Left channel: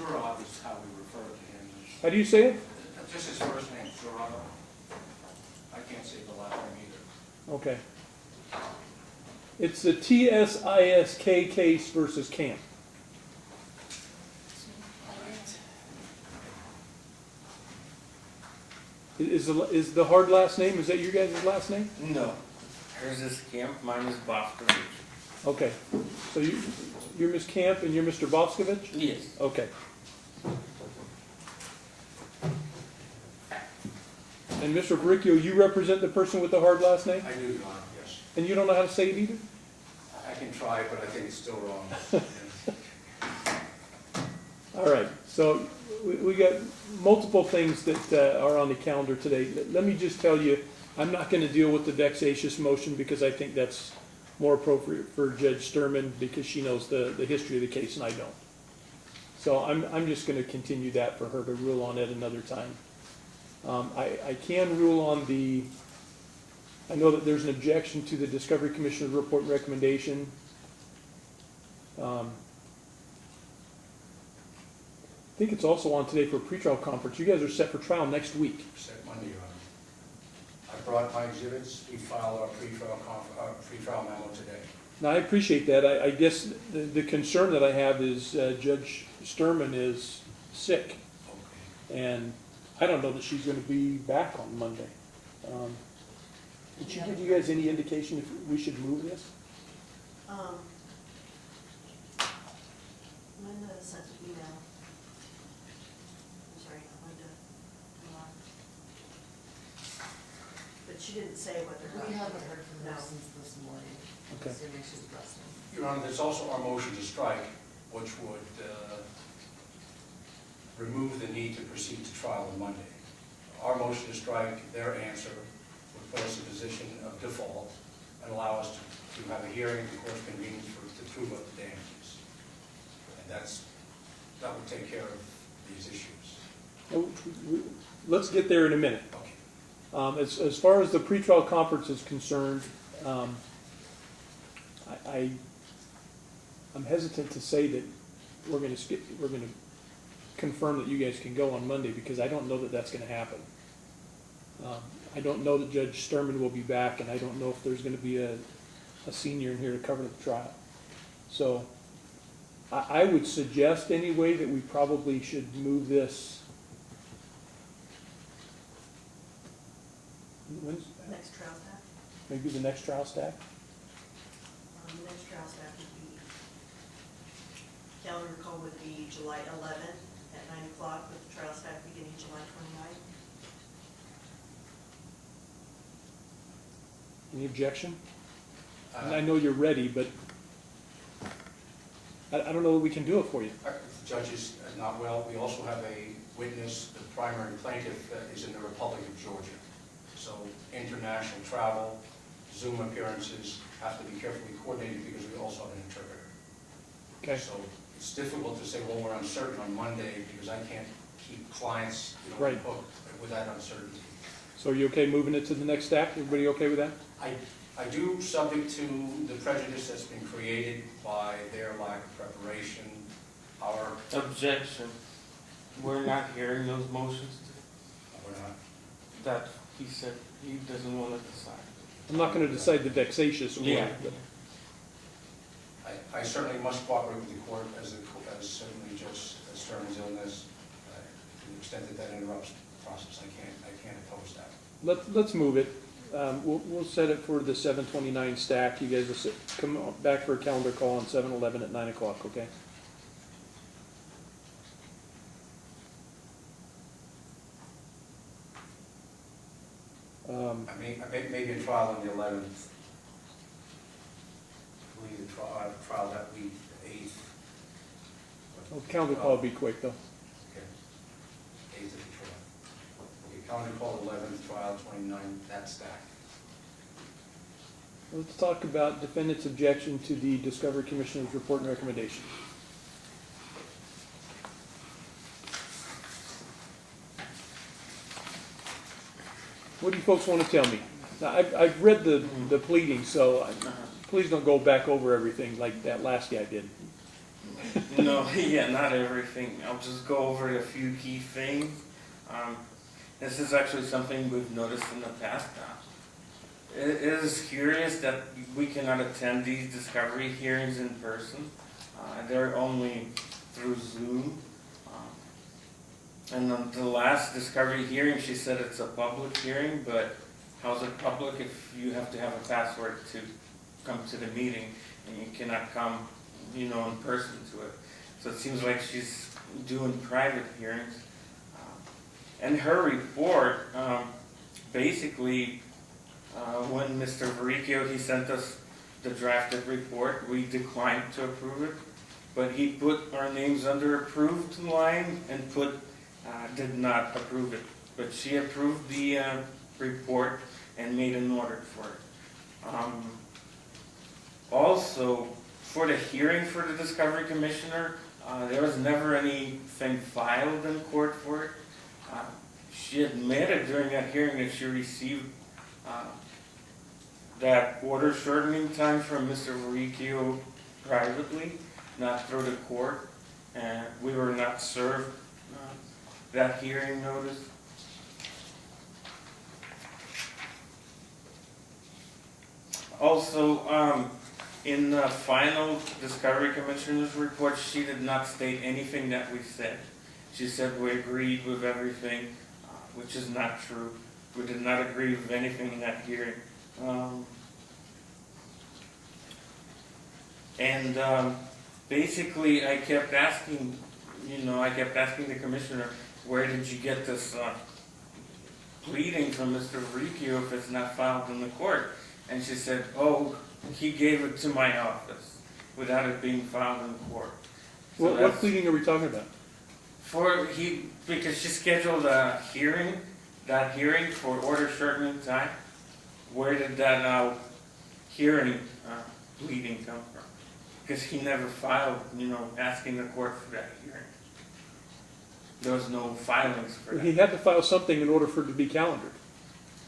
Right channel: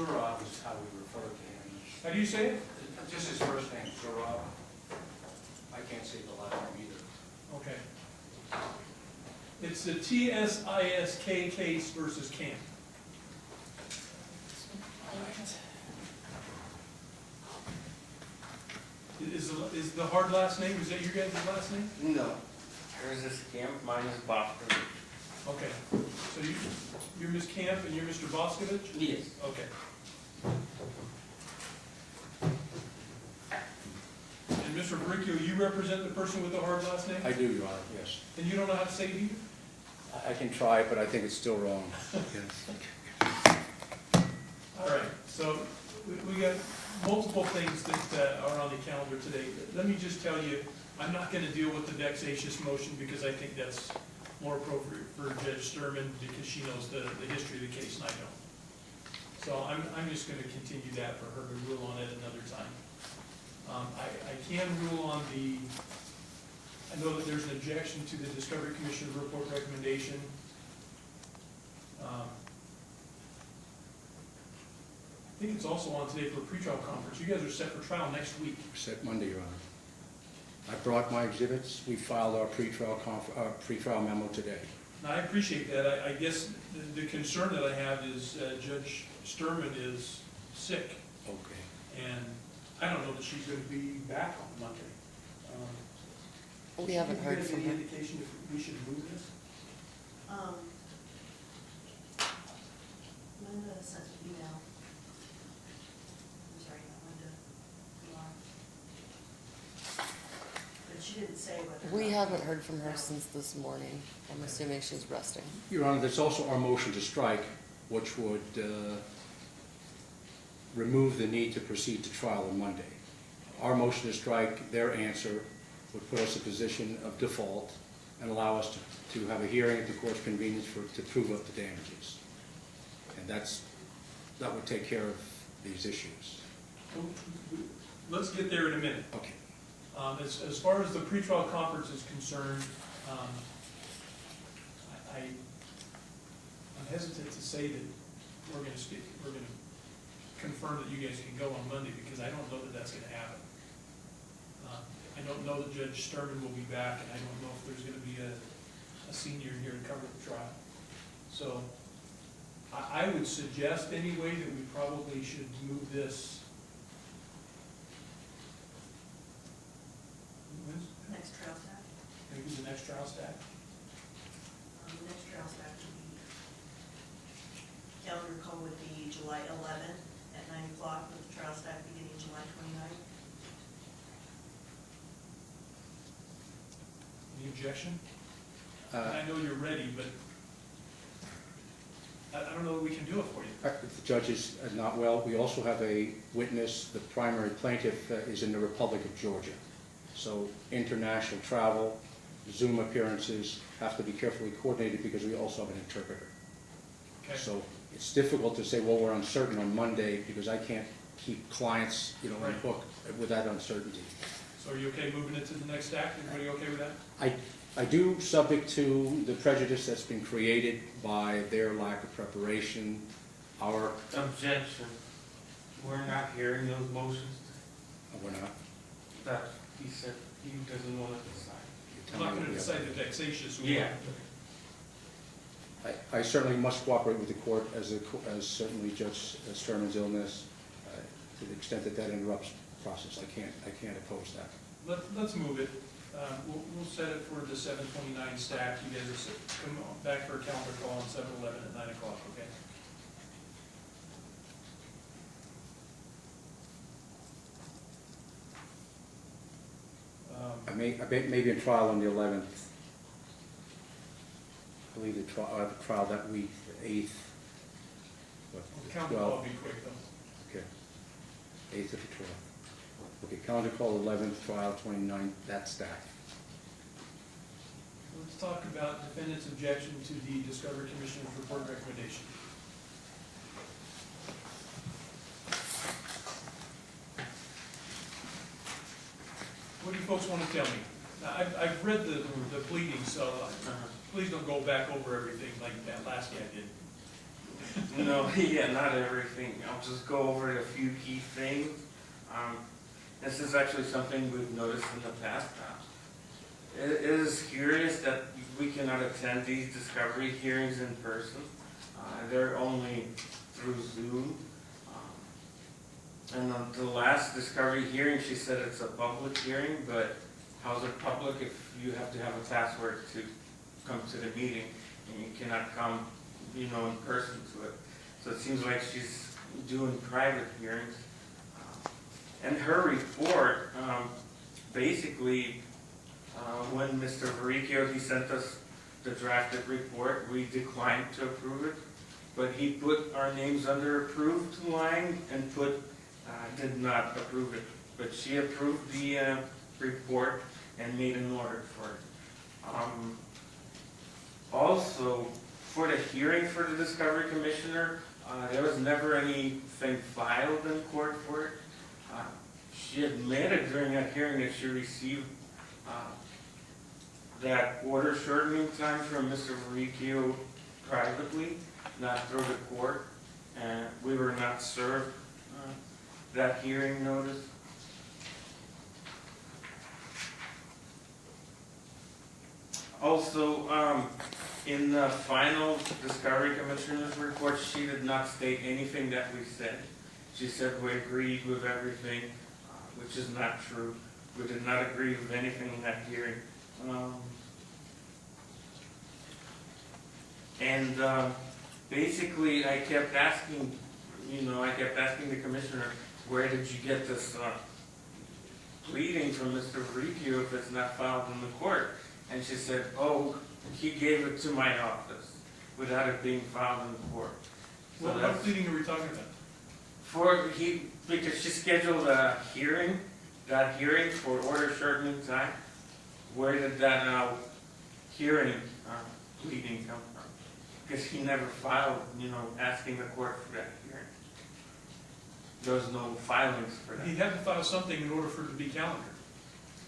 Zurab is how we refer to him. How do you say it? Just his first name, Zurab. I can't say the last name either. Okay. It's the TSISK case versus Camp. Is the hard last name, is that your guys' last name? No. Hers is Camp, mine is Bovtovich. Okay. So you're Ms. Camp and you're Mr. Bovtovich? Yes. Okay. And Mr. Varricchio, you represent the person with the hard last name? I do, Your Honor, yes. And you don't know how to say it either? I can try, but I think it's still wrong. All right, so we got multiple things that are on the calendar today. Let me just tell you, I'm not going to deal with the vexatious motion because I think that's more appropriate for Judge Sturman because she knows the history of the case and I don't. So I'm just going to continue that for her to rule on it another time. I can rule on I know that there's an objection to the Discovery Commissioner's report and recommendation. I think it's also on today for a pretrial conference. You guys are set for trial next week. Set Monday, Your Honor. I brought my exhibits. We filed our pretrial memo today. Now, I appreciate that. I guess the concern that I have is Judge Sturman is sick. Okay. And I don't know that she's going to be back on Monday. Did she give you guys any indication if we should move this? Linda sent an email. I'm sorry, Linda. But she didn't say what they're. We haven't heard from her since this morning. I'm Okay. assuming she's resting. Your Honor, there's also our motion to strike, which would remove the need to proceed to trial on Monday. Our motion to strike, their answer, would put us in a position of default and allow us to have a hearing at the court's convenience to prove up the damages. And that would take care of these issues. Let's get there in a minute. Okay. As far as the pretrial conference is concerned, I'm hesitant to say that we're going to confirm that you guys can go on Monday because I don't know that that's going to happen. I don't know that Judge Sturman will be back, and I don't know if there's going to be a senior in here to cover the trial. So I would suggest anyway that we probably should move this. Next trial stack. Maybe the next trial stack? The next trial stack would be, calendar call would be July 11th at 9 o'clock with the trial stack beginning July 29th. Any objection? And I know you're ready, but I don't know that we can do it for you. The judge is not well. We also have a witness. The primary plaintiff is in the Republic of Georgia. So international travel, Zoom appearances have to be carefully coordinated because we also have an interpreter. Okay. So it's difficult to say, well, we're uncertain on Monday because I can't keep clients, Right. booked with that uncertainty. So are you okay moving it to the next stack? Everybody okay with that? I do, subject to the prejudice that's been created by their lack of preparation, our... Objection. We're not hearing those motions We're not. that he said he doesn't want to decide. I'm not going to decide the vexatious. Yeah. I certainly must cooperate with the court as certainly Judge Sturman's illness, to the extent that that interrupts the process. I can't oppose that. Let's move it. We'll set it for the 7:29 stack. You guys will come back for a calendar call on 7/11 at 9 o'clock, okay? I may be in trial on the 11th. I believe the trial that week, the 8th. Calendar call will be quick, though. Okay. 8th of the trial. Okay, calendar call 11th, trial 29th, that stack. Let's talk about defendant's objection to the Discovery Commissioner's report and recommendation. What do you folks want to tell me? Now, I've read the pleading, so please don't go back over everything like that last guy did. No, yeah, not everything. I'll just go over a few key things. This is actually something we've noticed in the past. It is curious that we cannot attend these discovery hearings in person. They're only through Zoom. And on the last discovery hearing, she said it's a public hearing, but how's it public if you have to have a password to come to the meeting and you cannot come, you know, in person to it? So it seems like she's doing private hearings. And her report, basically, when Mr. Varricchio, he sent us the drafted report, we declined to approve it, but he put our names under approved line and put did not approve it. But she approved the report and made an order for it. Also, for the hearing for the Discovery Commissioner, there was never anything filed in court for it. She admitted during that hearing that she received that order shortening time from Mr. Varricchio privately, not through the court, and we were not served that hearing notice. Also, in the final Discovery Commissioner's report, she did not state anything that we said. She said we agreed with everything, which is not true. We did not agree with anything in that hearing. Basically, I kept asking, the Commissioner, where did you get this pleading from Mr. Varricchio if it's not filed in the court? And she said, oh, he gave it to my office without it being filed in the court. So What pleading are we talking about? Because she scheduled a hearing, for order shortening time. Where did that hearing pleading come from? Because he never filed, asking the court for that hearing. There was no filings for that. He had to file something in order for it to be calendared.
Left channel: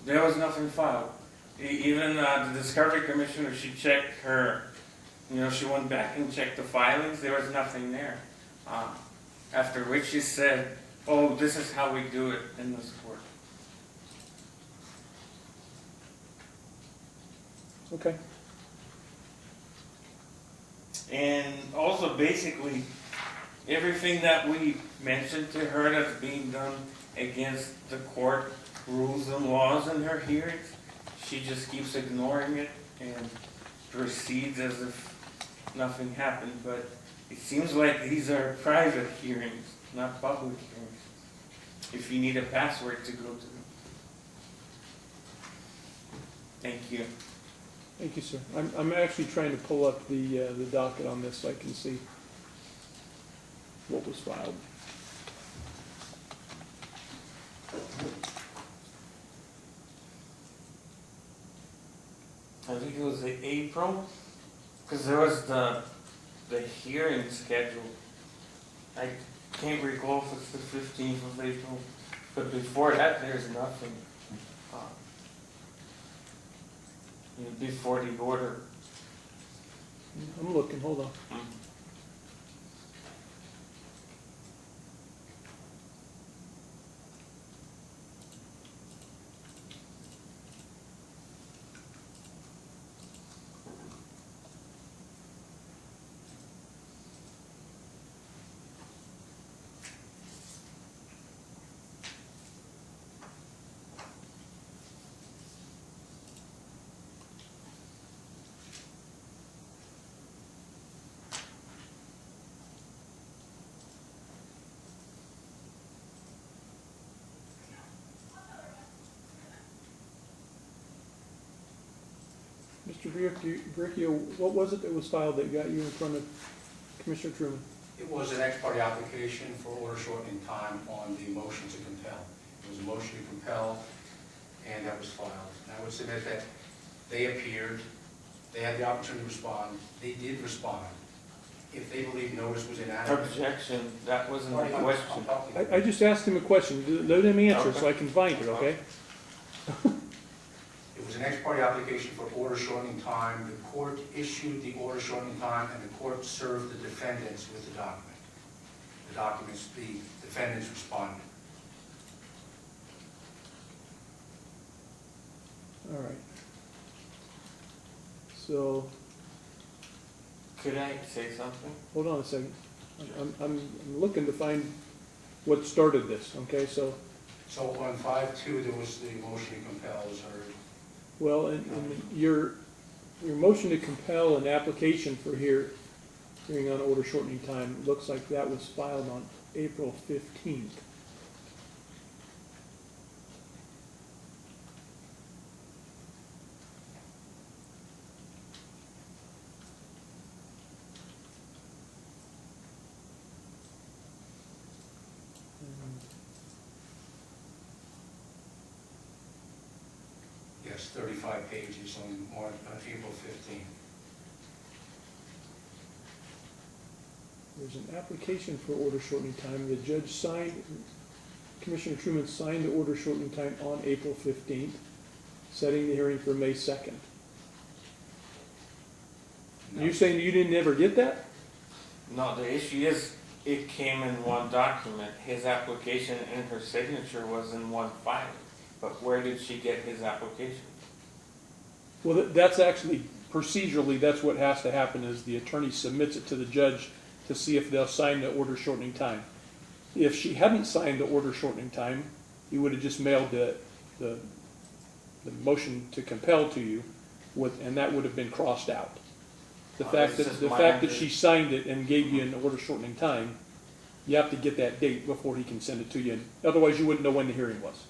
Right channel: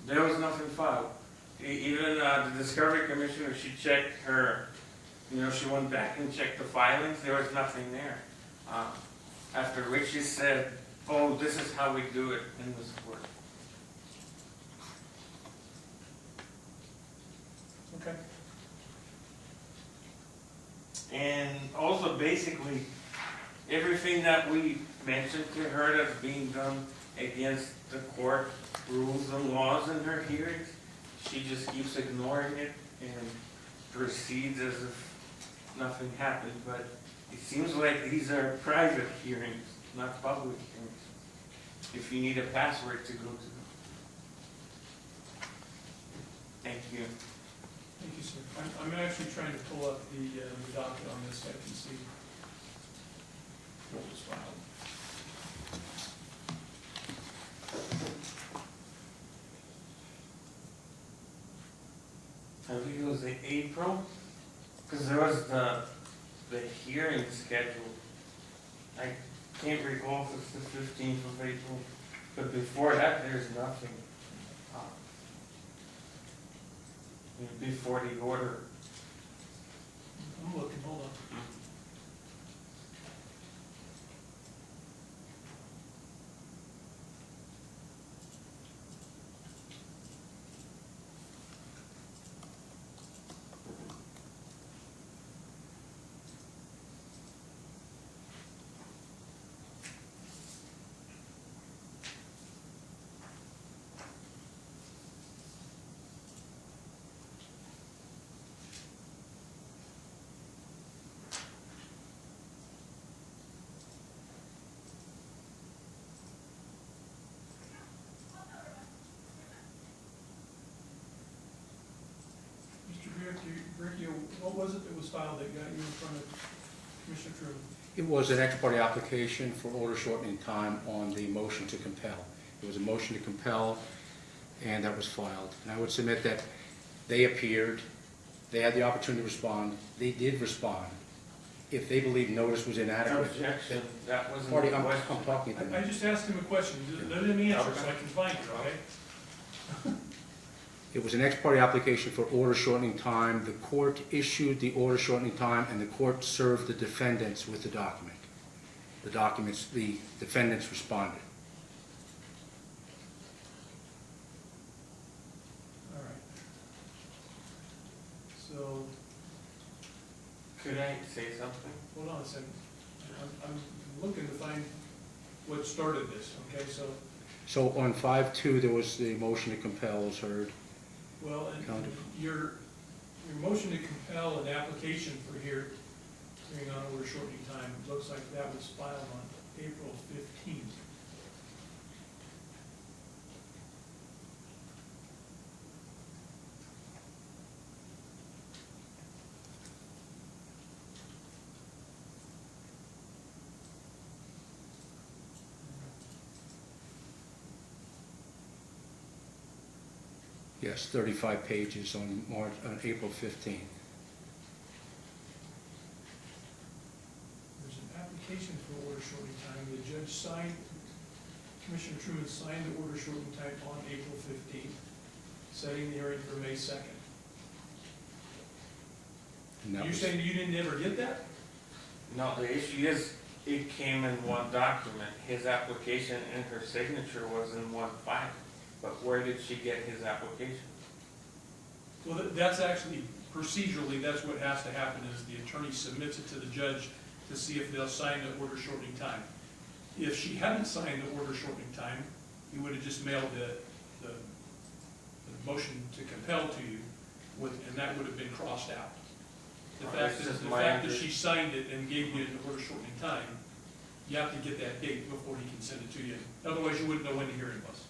There was nothing filed. Even the Discovery Commissioner, she checked her, she went back and checked the filings, there was nothing there. After which she said, oh, this is how we do it in this court. Okay. And also, basically, everything that we mentioned to her that's being done against the court rules and laws in her hearings, she just keeps ignoring it and proceeds as if nothing happened. But it seems like these are private hearings, not public hearings, if you need a password to go to them. Thank you. Thank you, sir. I'm actually trying to pull up the docket on this so I can see what was filed. I think it was April, because there was the hearing scheduled. I can't recall if it's the 15th of April, but before that, there's nothing. Before the order. I'm looking, hold on. Mr. Varricchio, what was it that was filed that got you in front of Commissioner Truman? It was an ex parte application for order shortening time on the motion to compel. It was a motion to compel, and that was filed. And I would submit that they appeared, they had the opportunity to respond, they did respond. If they believe notice was inadequate. Objection, that wasn't Marty, the I'm question. talking to you. I just asked him a question. Let him answer so I can find it, okay? It was an ex parte application for order shortening time. The court issued the order shortening time, and the court served the defendants with the document. The defendants responded. All right. So, Could I say something? hold on a second. I'm looking to find what started this, okay? So on 5-2, there was the motion to compel is heard. Well, and your motion to compel an application for hearing on order shortening time, looks like that was filed on April 15th. Yes, 35 pages on April 15th. There's an application for order shortening time. The judge signed, Commissioner Truman signed the order shortening time on April 15th, setting the hearing for May 2nd. No. You saying you didn't ever get that? No, the issue is, it came in one document. His application and her signature was in one file. But where did she get his application? Well, that's actually, procedurally, that's what has to happen, is the attorney submits it to the judge to see if they'll sign the order shortening time. If she hadn't signed the order shortening time, he would have just mailed the motion to compel to you, and that would have been crossed out. The fact that she signed it and gave you an order shortening time, you have to get that date before he can send it to you. Otherwise, you wouldn't know when the hearing was.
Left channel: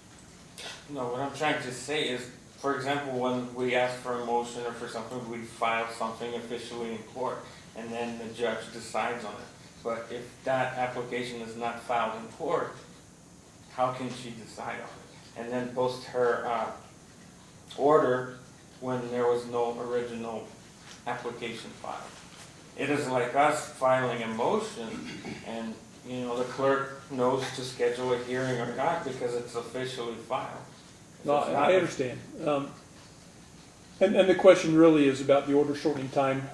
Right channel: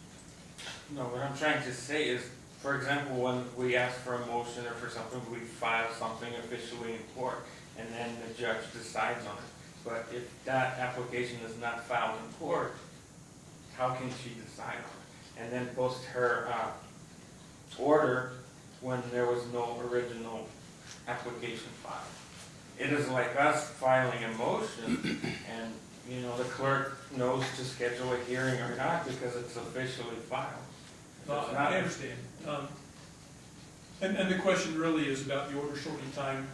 No, what I'm trying to say is, for example, when we ask for a motion or for something, we file something officially in court, and then the judge decides on it. But if that application is not filed in court, how can she decide on it? And then post her order when there was no original application filed. It is like us filing a motion, and the clerk knows to schedule a hearing or not because it's officially filed. No, I understand. And the question really is about the order shortening time.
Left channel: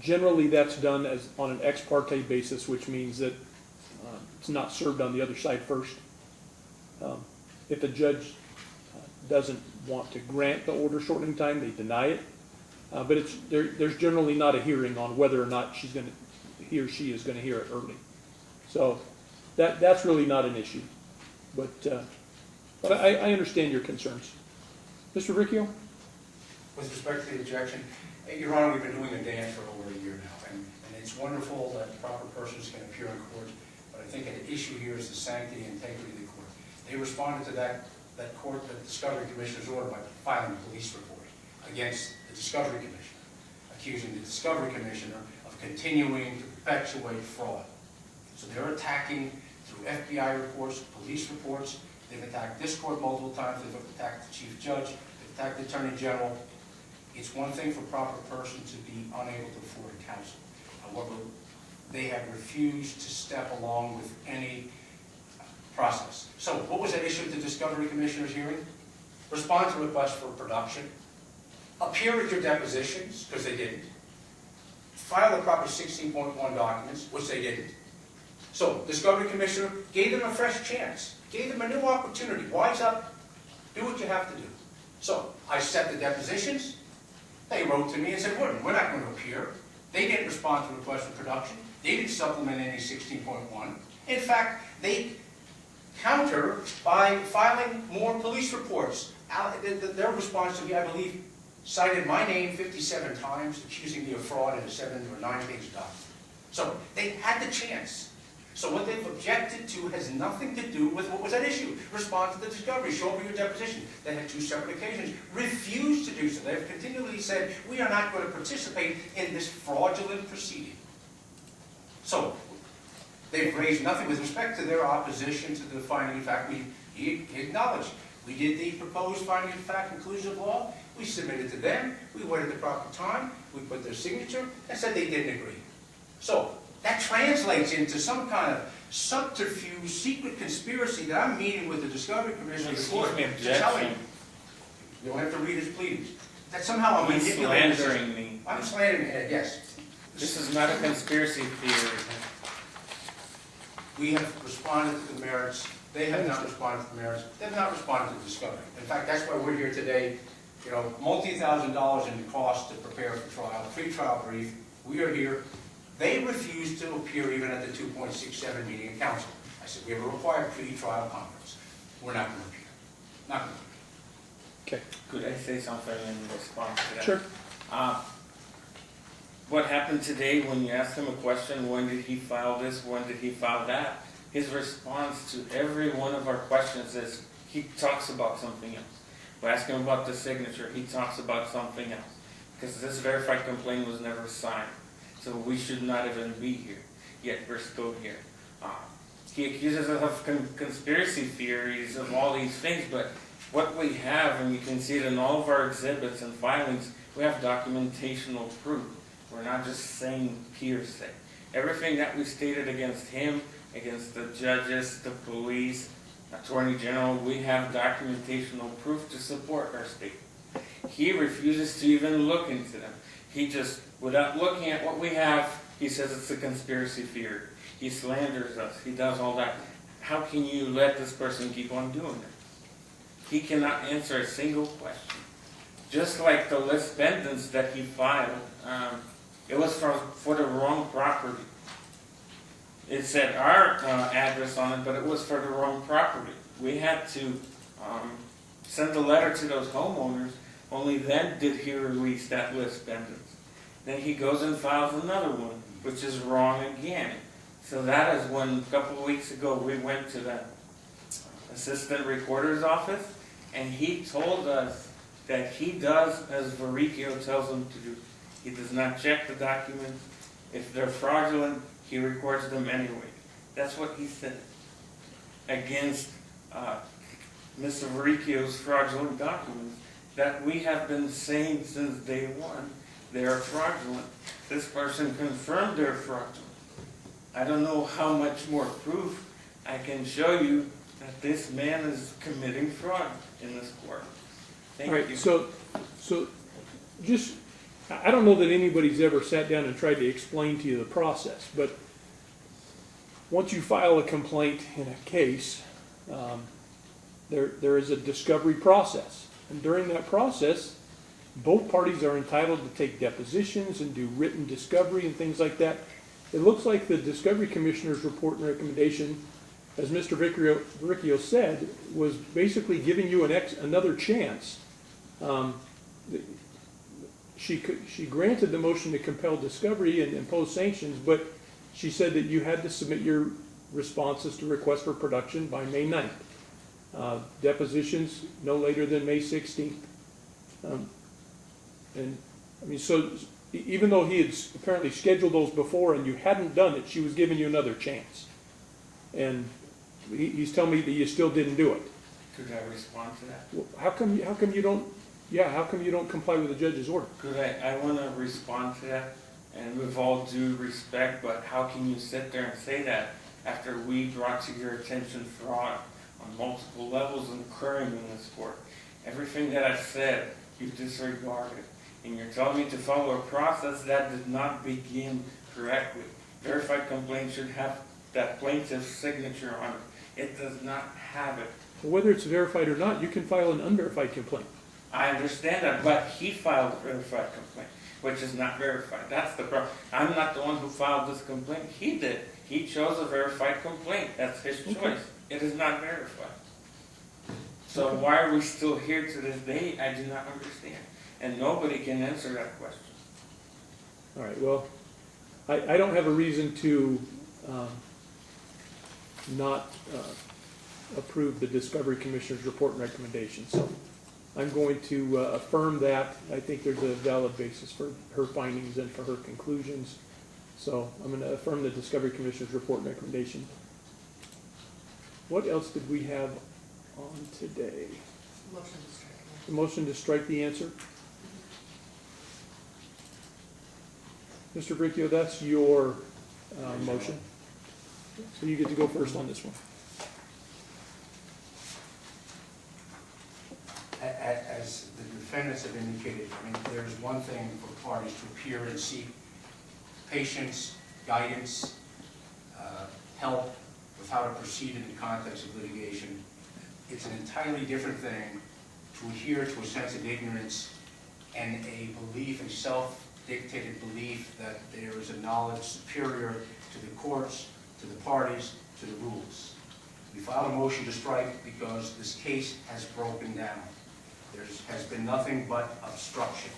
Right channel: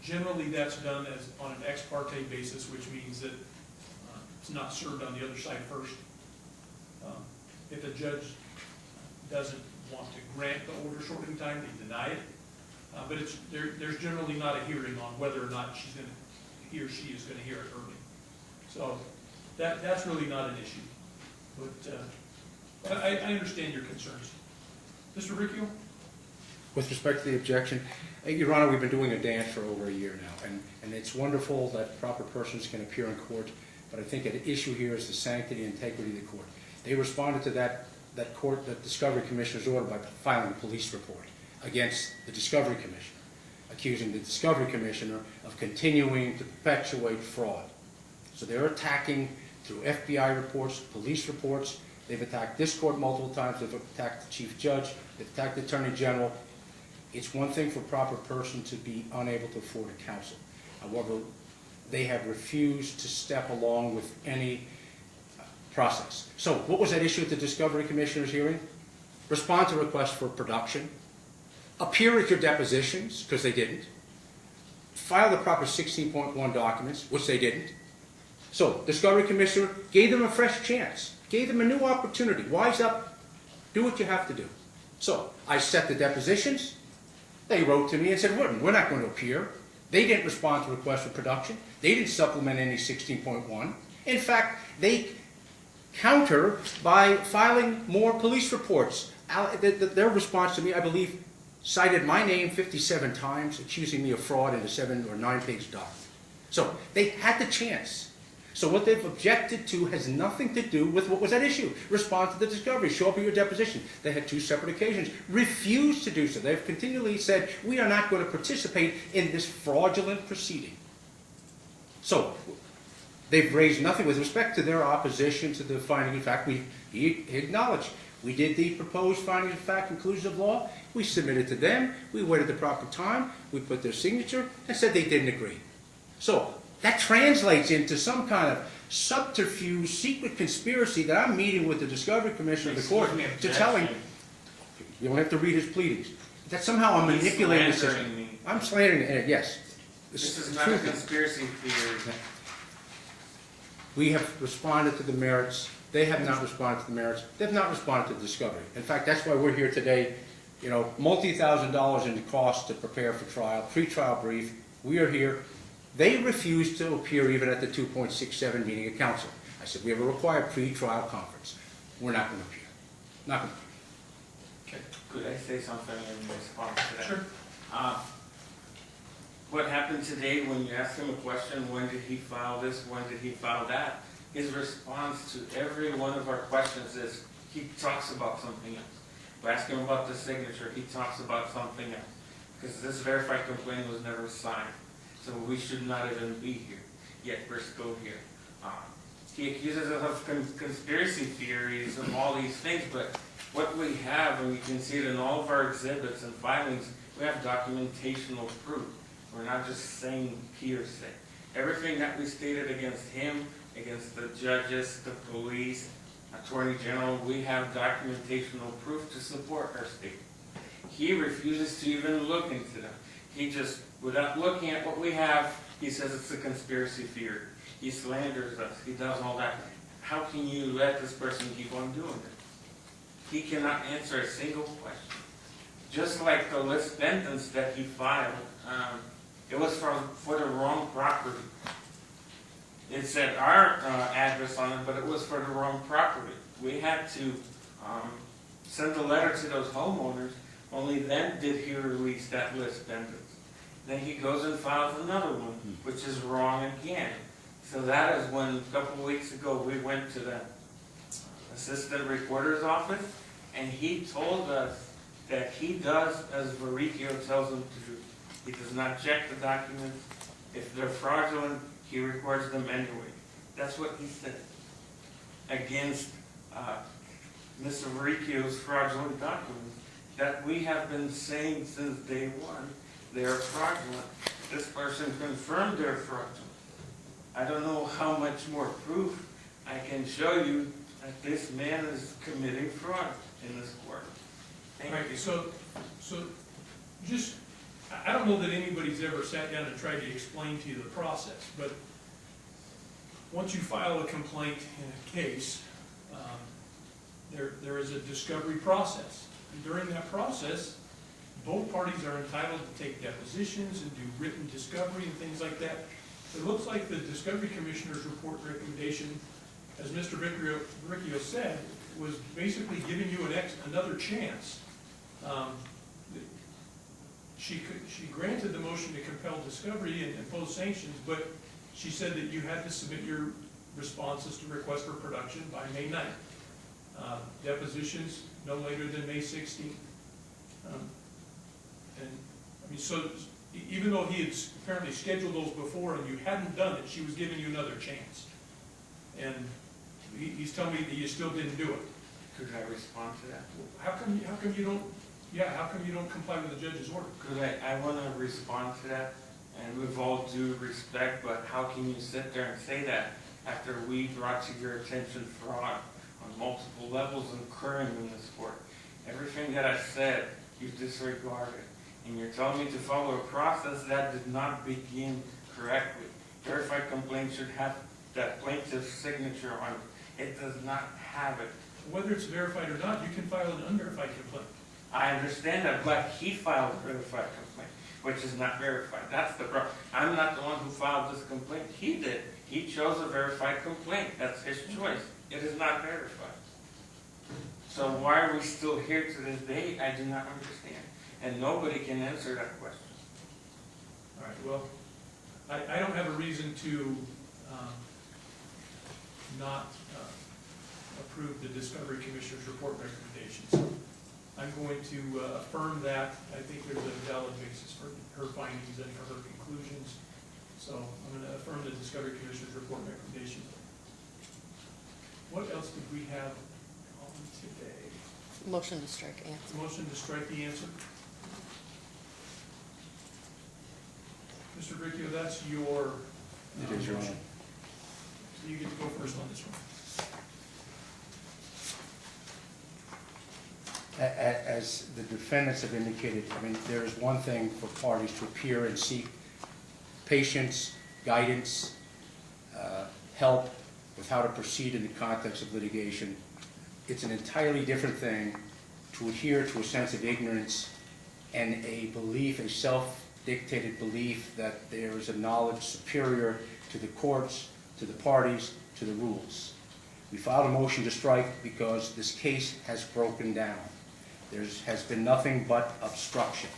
Generally, that's done on an ex parte basis, which means that it's not served on the other side first. If a judge doesn't want to grant the order shortening time, they deny it. But there's generally not a hearing on whether or not he or she is going to hear it early. So that's really not an issue. But I understand your concerns. Mr. Varricchio? With respect to the objection, Your Honor, we've been doing a dance for over a year now, and it's wonderful that proper persons can appear in court, but I think an issue here is the sanctity and integrity of the court. They responded to that Discovery Commissioner's order by filing a police report against the Discovery Commissioner, accusing the Discovery Commissioner of continuing to perpetuate fraud. So they're attacking through FBI reports, police reports. They've attacked this court multiple times. They've attacked the Chief Judge. They've attacked the Attorney General. It's one thing for a proper person to be unable to afford a counsel. However, they have refused to step along with any process. So what was at issue at the Discovery Commissioner's hearing? Respond to requests for production. Appear at your depositions, because they didn't. File the proper 16.1 documents, which they didn't. So Discovery Commissioner gave them a fresh chance. Gave them a new opportunity. Wise up, do what you have to do. So I set the depositions. They wrote to me and said, we're not going to appear. They didn't respond to requests for production. They didn't supplement any 16.1. In fact, they counter by filing more police reports. Their response to me, I believe, cited my name 57 times, accusing me of fraud in a 7 or 9-page document. So they had the chance. So what they've objected to has nothing to do with what was at issue. Respond to the discovery, show up at your deposition. They had 2 separate occasions. Refused to do so. They've continually said, we are not going to participate in this fraudulent proceeding. So they've raised nothing with respect to their opposition to the finding of fact. We acknowledged. We did the proposed finding of fact conclusion of law. We submitted to them. We waited the proper time. We put their signature and said they didn't agree. So that translates into some kind of subterfuge, secret conspiracy that I'm meeting with the Discovery Commissioner of the court to tell him. You don't have to read his pleadings. That somehow I'm He's manipulating. slandering me. I'm slandering it, yes. This is not a conspiracy theory. We have responded to the merits. They have not responded to the merits. They've not responded to discovery. In fact, that's why we're here today. You know, multi-$1,000s in cost to prepare for trial, pre-trial brief. We are here. They refused to appear even at the 2.67 meeting of council. I said, we have a required pre-trial conference. We're not going to appear. Not going to appear. Okay, Could I say something in response to that? sure. What happened today when you asked him a question, when did he file this, when did he file that? His response to every one of our questions is, he talks about something else. We ask him about the signature, he talks about something else. Because this verified complaint was never signed. So we should not even be here, yet we're still here. He accuses us of conspiracy theories of all these things, but what we have, and you can see it in all of our exhibits and filings, we have documentational proof. We're not just saying hearsay. Everything that we stated against him, against the judges, the police, Attorney General, we have documentational proof to support our statement. He refuses to even look into them. He just, without looking at what we have, he says it's a conspiracy theory. He slanders us. He does all that. How can you let this person keep on doing it? He cannot answer a single question. Just like the Defendants that he filed, it was for the wrong property. It said our address on it, but it was for the wrong property. We had to send a letter to those homeowners. Only then did he release that list Defendants. Then he goes and files another one, which is wrong again. So that is when, a couple of weeks ago, we went to the assistant recorder's office, and he told us that he does as Varricchio tells him to do. He does not check the documents. If they're fraudulent, he records them anyway. That's what he said against Mr. Varricchio's fraudulent documents that we have been saying since day one. They are fraudulent. This person confirmed they're fraudulent. I don't know how much more proof I can show you that this man is committing fraud in this court. Thank All right, you. so just, I don't know that anybody's ever sat down and tried to explain to you the process, but once you file a complaint in a case, there is a discovery process. And during that process, both parties are entitled to take depositions and do written discovery and things like that. It looks like the Discovery Commissioner's report and recommendation, as Mr. Varricchio said, was basically giving you another chance. She granted the motion to compel discovery and impose sanctions, but she said that you had to submit your responses to request for production by May 9th. Depositions no later than May 16th. And I mean, so even though he had apparently scheduled those before and you hadn't done it, she was giving you another chance. And he's telling me that you still didn't do it. Could I respond to that? Well, how come you don't comply with the judge's order? Could I want to respond to that, and with all due respect, but how can you sit there and say that after we brought to your attention fraud on multiple levels occurring in this court? Everything that I said, you disregarded, and you're telling me to follow a process that did not begin correctly. Verified complaint should have that plaintiff's signature on it. It does not have it. Whether it's verified or not, you can file an unverified complaint. I understand that, but he filed a verified complaint, which is not verified. That's the problem. I'm not the one who filed this complaint. He did. He chose a verified complaint. That's his choice. It is not verified. So why are we still here to this day? I do not understand. And nobody can answer that question. All right, well, I don't have a reason to not approve the Discovery Commissioner's report and recommendations. So I'm going to affirm that. I think there's a valid basis for her findings and for her conclusions. So I'm going to affirm the Discovery Commissioner's report and recommendation. What else did we have on today? Motion to strike The motion to strike the answer. Mr. Varricchio, that's your motion. So you get to go first on this one. As as the defendants have indicated, I mean, there is one thing for parties to appear and seek patience, guidance, help with how to proceed in the context of litigation. It's an entirely different thing to adhere to a sense of ignorance and a belief, a self-dictated belief that there is a knowledge superior to the courts, to the parties, to the rules. We filed a motion to strike because this case has broken down. There has been nothing but obstruction.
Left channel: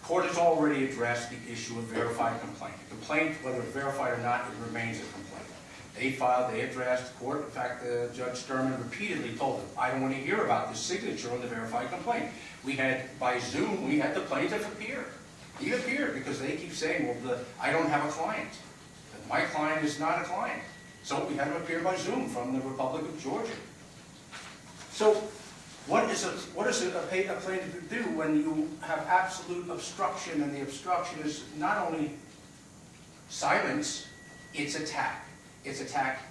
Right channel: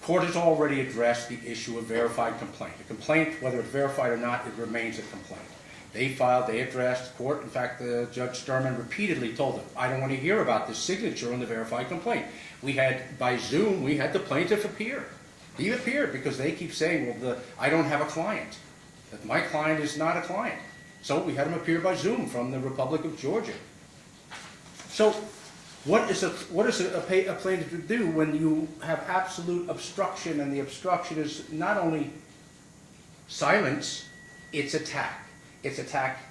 The court has already addressed the issue of verified complaint. A complaint, whether it's verified or not, it remains a complaint. They filed, they addressed the court. In fact, Judge Sturman repeatedly told them, I don't want to hear about this signature on the verified complaint. We had, by Zoom, we had the plaintiff appear. He appeared because they keep saying, well, I don't have a client. That my client is not a client. So we had him appear by Zoom from the Republic of Georgia. So what is a plaintiff to do when you have absolute obstruction, and the obstruction is not only silence, it's attack. It's attack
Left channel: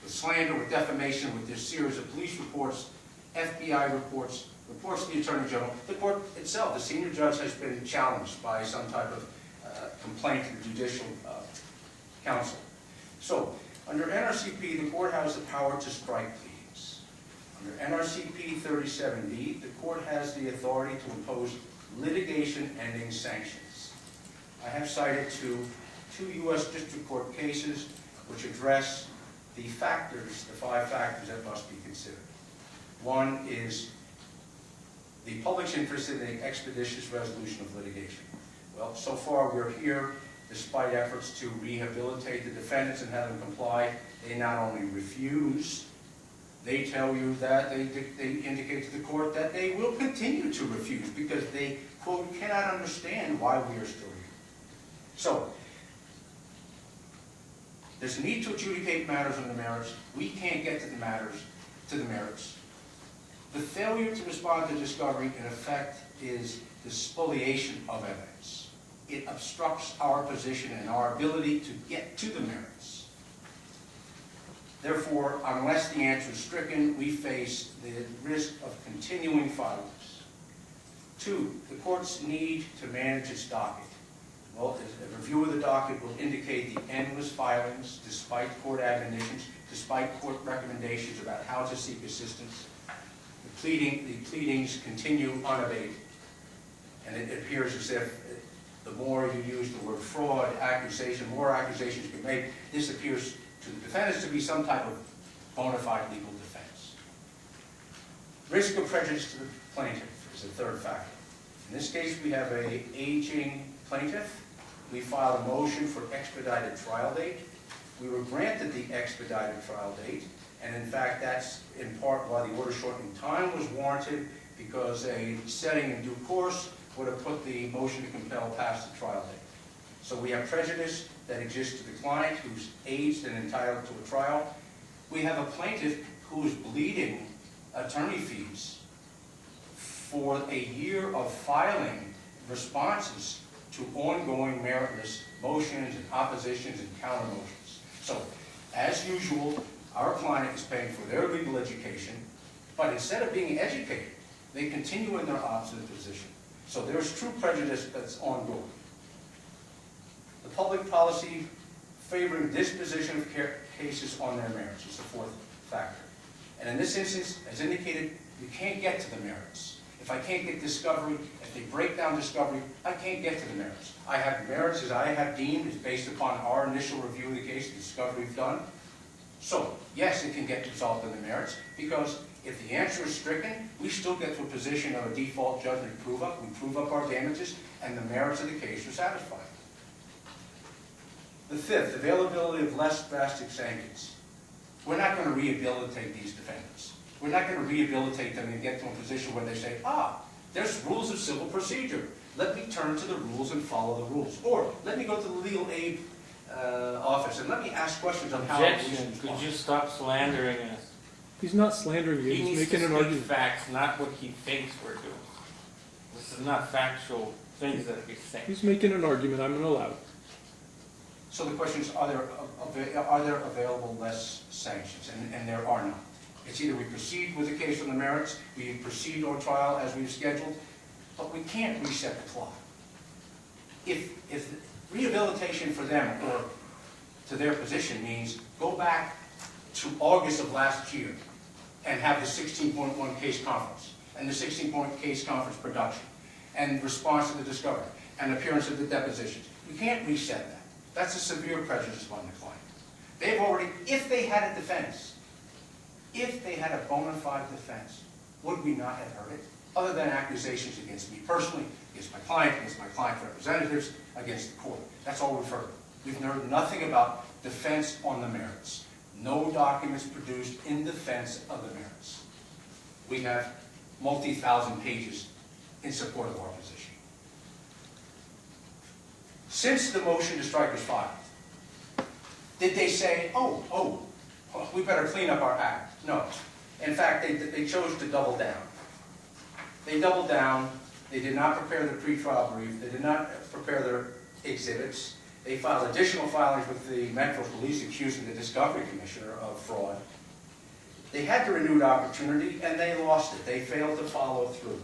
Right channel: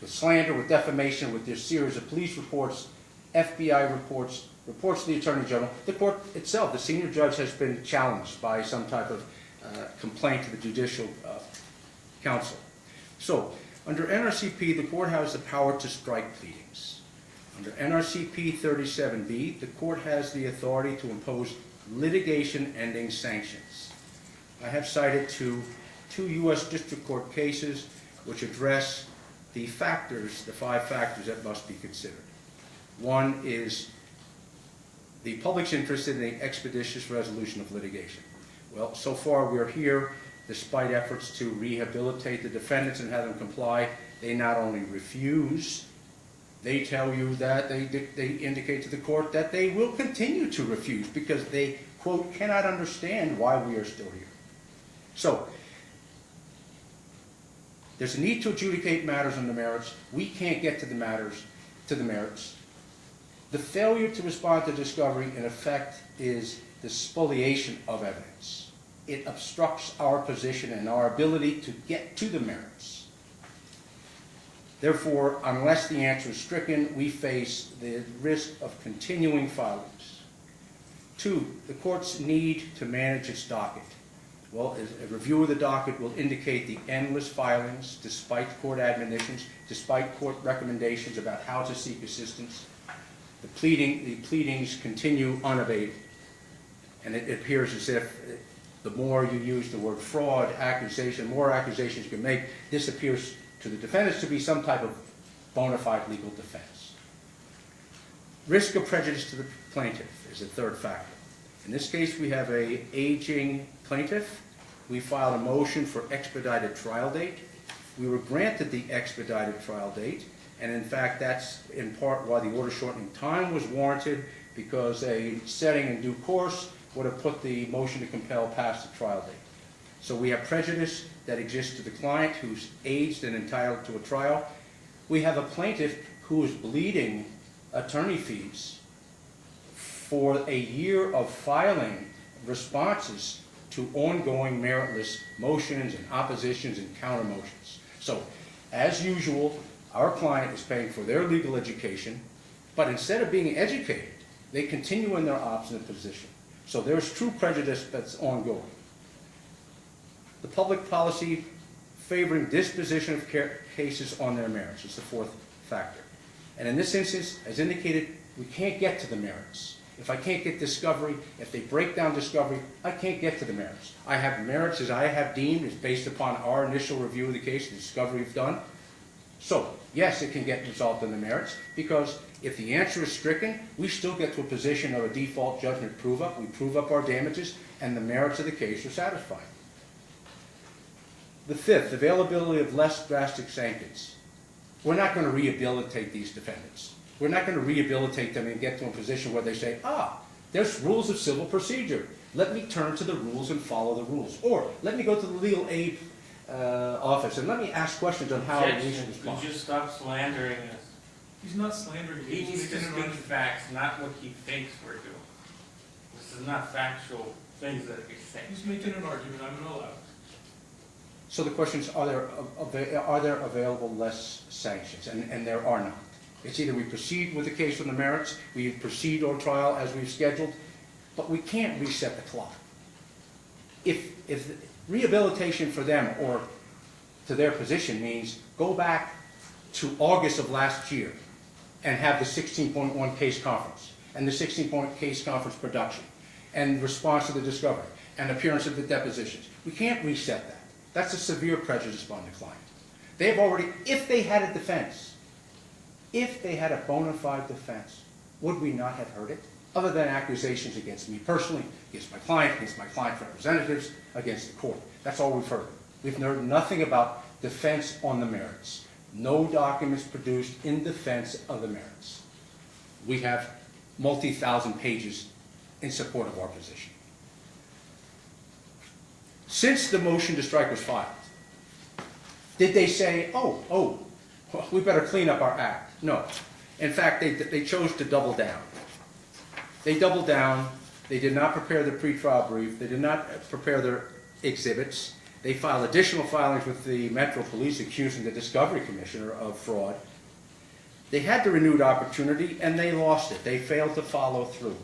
with slander, with defamation, with this series of police reports, FBI reports, reports to the Attorney General. The court itself, the senior judge, has been challenged by some type of complaint to the Judicial Council. So, under NRCP, the court has the power to strike pleadings. Under NRCP 37B, the court has the authority to impose litigation-ending sanctions. I have cited two U.S. District Court cases which address the factors, the 5 factors that must be considered. One is the public's interest in the expeditious resolution of litigation. Well, so far we're here, despite efforts to rehabilitate the defendants and have them comply. They not only refuse, they tell you that they indicate to the court that they will continue to refuse because they, quote, cannot understand why we are still here. So, there's a need to adjudicate matters on the merits. We can't get to the merits. The failure to respond to discovery, in effect, is the spoliation of evidence. It obstructs our position and our ability to get to the merits. Therefore, unless the answer is stricken, we face the risk of continuing filings. 2, the court's need to manage its docket. Well, a review of the docket will indicate the endless filings, despite court admonitions, despite court recommendations about how to seek assistance. The pleadings continue unabated. And it appears as if the more you use the word fraud, accusation, more accusations you can make, this appears to the defendants to be some type of bona fide legal defense. Risk of prejudice to the plaintiff is the 3rd factor. In this case, we have an aging plaintiff. We filed a motion for expedited trial date. We were granted the expedited trial date, and in fact, that's in part why the order shortening time was warranted, because a setting in due course would have put the motion to compel past the trial date. So we have prejudice that exists to the client who's aged and entitled to a trial. We have a plaintiff who is bleeding attorney fees for a year of filing responses to ongoing meritless motions and oppositions and counter motions. So, as usual, our client is paying for their legal education, but instead of being educated, they continue in their obstinate position. So there's true prejudice that's ongoing. The public policy favoring disposition of cases on their merits is the 4th factor. And in this instance, as indicated, we can't get to the merits. If I can't get discovery, if they break down discovery, I can't get to the merits. I have merits as I have deemed, is based upon our initial review of the case, the discovery we've done. So, yes, it can get resolved in the merits, because if the answer is stricken, we still get to a position of a default judgment prove-up. We prove up our damages, and the merits of the case are satisfied. The 5th, availability of less drastic sanctions. We're not going to rehabilitate these defendants. We're not going to rehabilitate them and get to a position where they say, there's rules of civil procedure. Let me turn to the rules and follow the rules. Or, let me go to the legal aid office and let me ask questions on how we should respond. Could you stop slandering us? He's not slandering you. He He's needs to making an speak argument. facts, not what he thinks we're doing. This is not factual things that he's saying. He's making an argument. I'm going to allow it. So the question is, are there available less sanctions? And there are not. It's either we proceed with the case on the merits, we proceed on trial as we've scheduled, but we can't reset the clock. If rehabilitation for them or to their position means go back to August of last year and have the 16.1 case conference and the 16-point case conference production and response to the discovery and appearance of the depositions. We can't reset that. That's a severe prejudice upon the client. They've already, if they had a defense, if they had a bona fide defense, would we not have heard it? Other than accusations against me personally, against my client's representatives, against the court. That's all we've heard. We've heard nothing about defense on the merits. No documents produced in defense of the merits. We have multi-thousand pages in support of our position. Since the motion to strike was filed, did they say, oh, we better clean up our act? No. In fact, they chose to double down. They doubled down. They did not prepare their pretrial brief. They did not prepare their exhibits. They filed additional filings with the Metro Police accusing the Discovery Commissioner of fraud. They had the renewed opportunity and they lost it. They failed to follow through.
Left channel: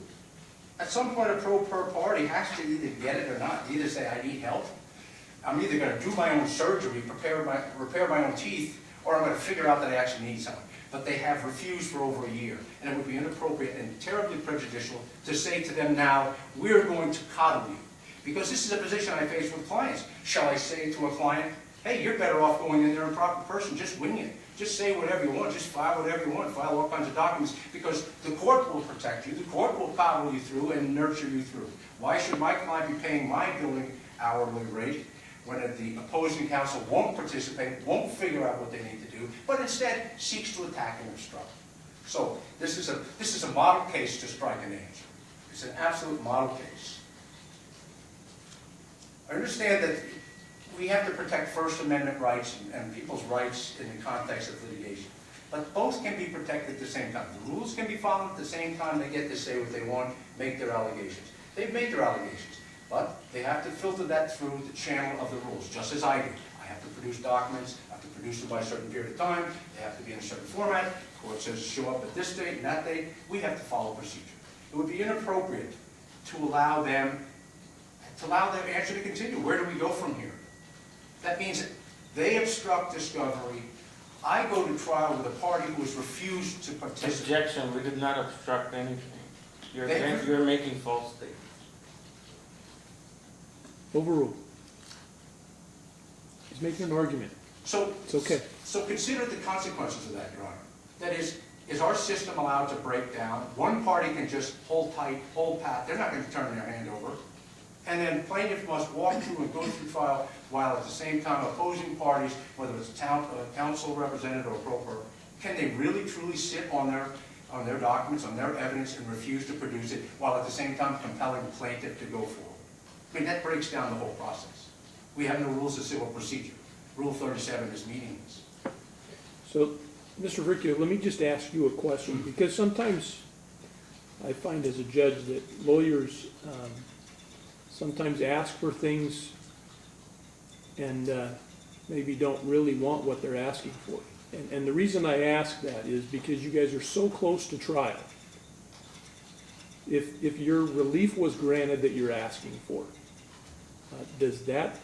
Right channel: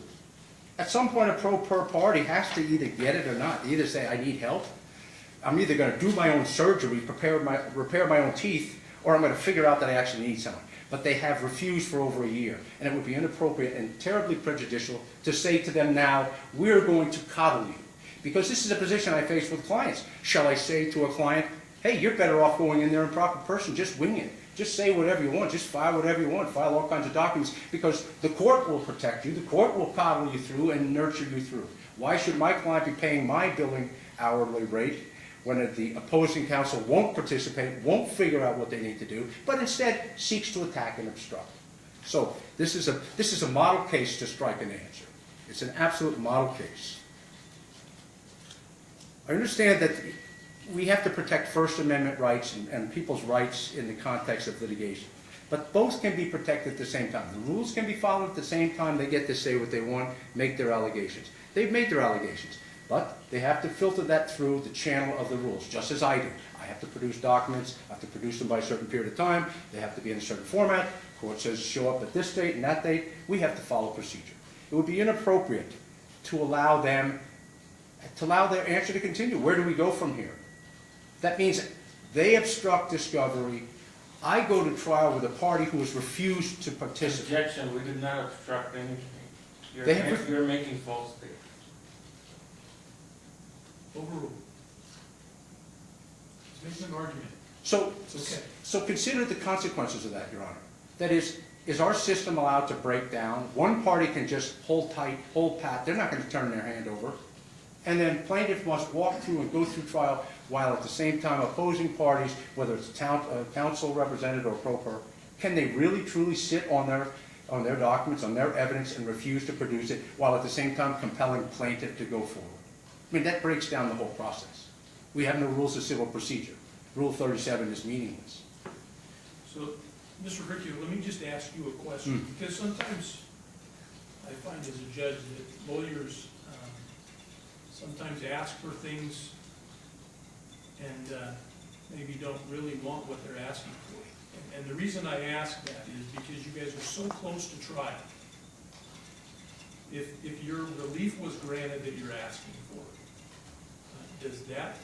At some point, a pro per party has to either get it or not. Either say, I need help. I'm either going to do my own surgery, repair my own teeth, or I'm going to figure out that I actually need someone. But they have refused for over a year. And it would be inappropriate and terribly prejudicial to say to them now, we're going to coddle you. Because this is a position I face with clients. Shall I say to a client, hey, you're better off going in there in proper person, just wing it. Just say whatever you want, just file whatever you want, file all kinds of documents, because the court will protect you, the court will coddle you through and nurture you through. Why should my client be paying my billing hourly rate when the opposing counsel won't participate, won't figure out what they need to do, but instead seeks to attack and obstruct? So this is a model case to strike an answer. It's an absolute model case. I understand that we have to protect First Amendment rights and people's rights in the context of litigation. But both can be protected at the same time. The rules can be followed at the same time. They get to say what they want, make their allegations. They've made their allegations, but they have to filter that through the channel of the rules, just as I do. I have to produce documents. I have to produce them by a certain period of time. They have to be in a certain format. The court says show up at this date and that date. We have to follow procedure. It would be inappropriate to allow their answer to continue. Where do we go from here? That means they obstruct discovery. I go to trial with a party who has refused to participate. Objection, we did not obstruct anything. You're making false statements. Overruled. He's making an argument. So, It's okay. So consider the consequences of that, Your Honor. That is our system allowed to break down? One party can just hold tight, hold pat. They're not going to turn their hand over. And then plaintiff must walk through and go through trial while at the same time opposing parties, whether it's a counsel representative or pro per, can they really truly sit on their documents, on their evidence, and refuse to produce it while at the same time compelling plaintiff to go forward? I mean, that breaks down the whole process. We have no rules of civil procedure. Rule 37 is meaningless. So, Mr. Varricchio, let me just ask you a question, because sometimes I find as a judge that lawyers sometimes ask for things and maybe don't really want what they're asking for. And the reason I ask that is because you guys are so close to trial. If your relief was granted that you're asking for, does that,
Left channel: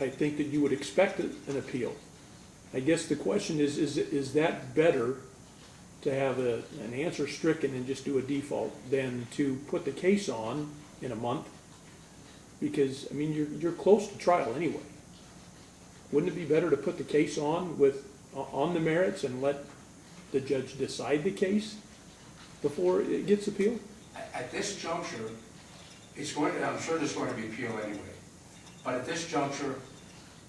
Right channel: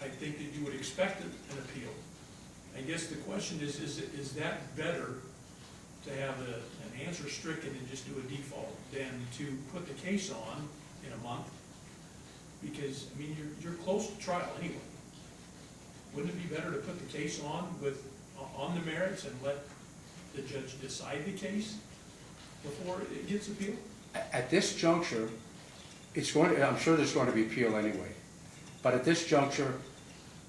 I think that you would expect an appeal. I guess the question is that better to have an answer stricken and just do a default than to put the case on in a month? Because, I mean, you're close to trial anyway. Wouldn't it be better to put the case on the merits and let the judge decide the case before it gets appealed? At this juncture, I'm sure there's going to be appeal anyway. But at this juncture,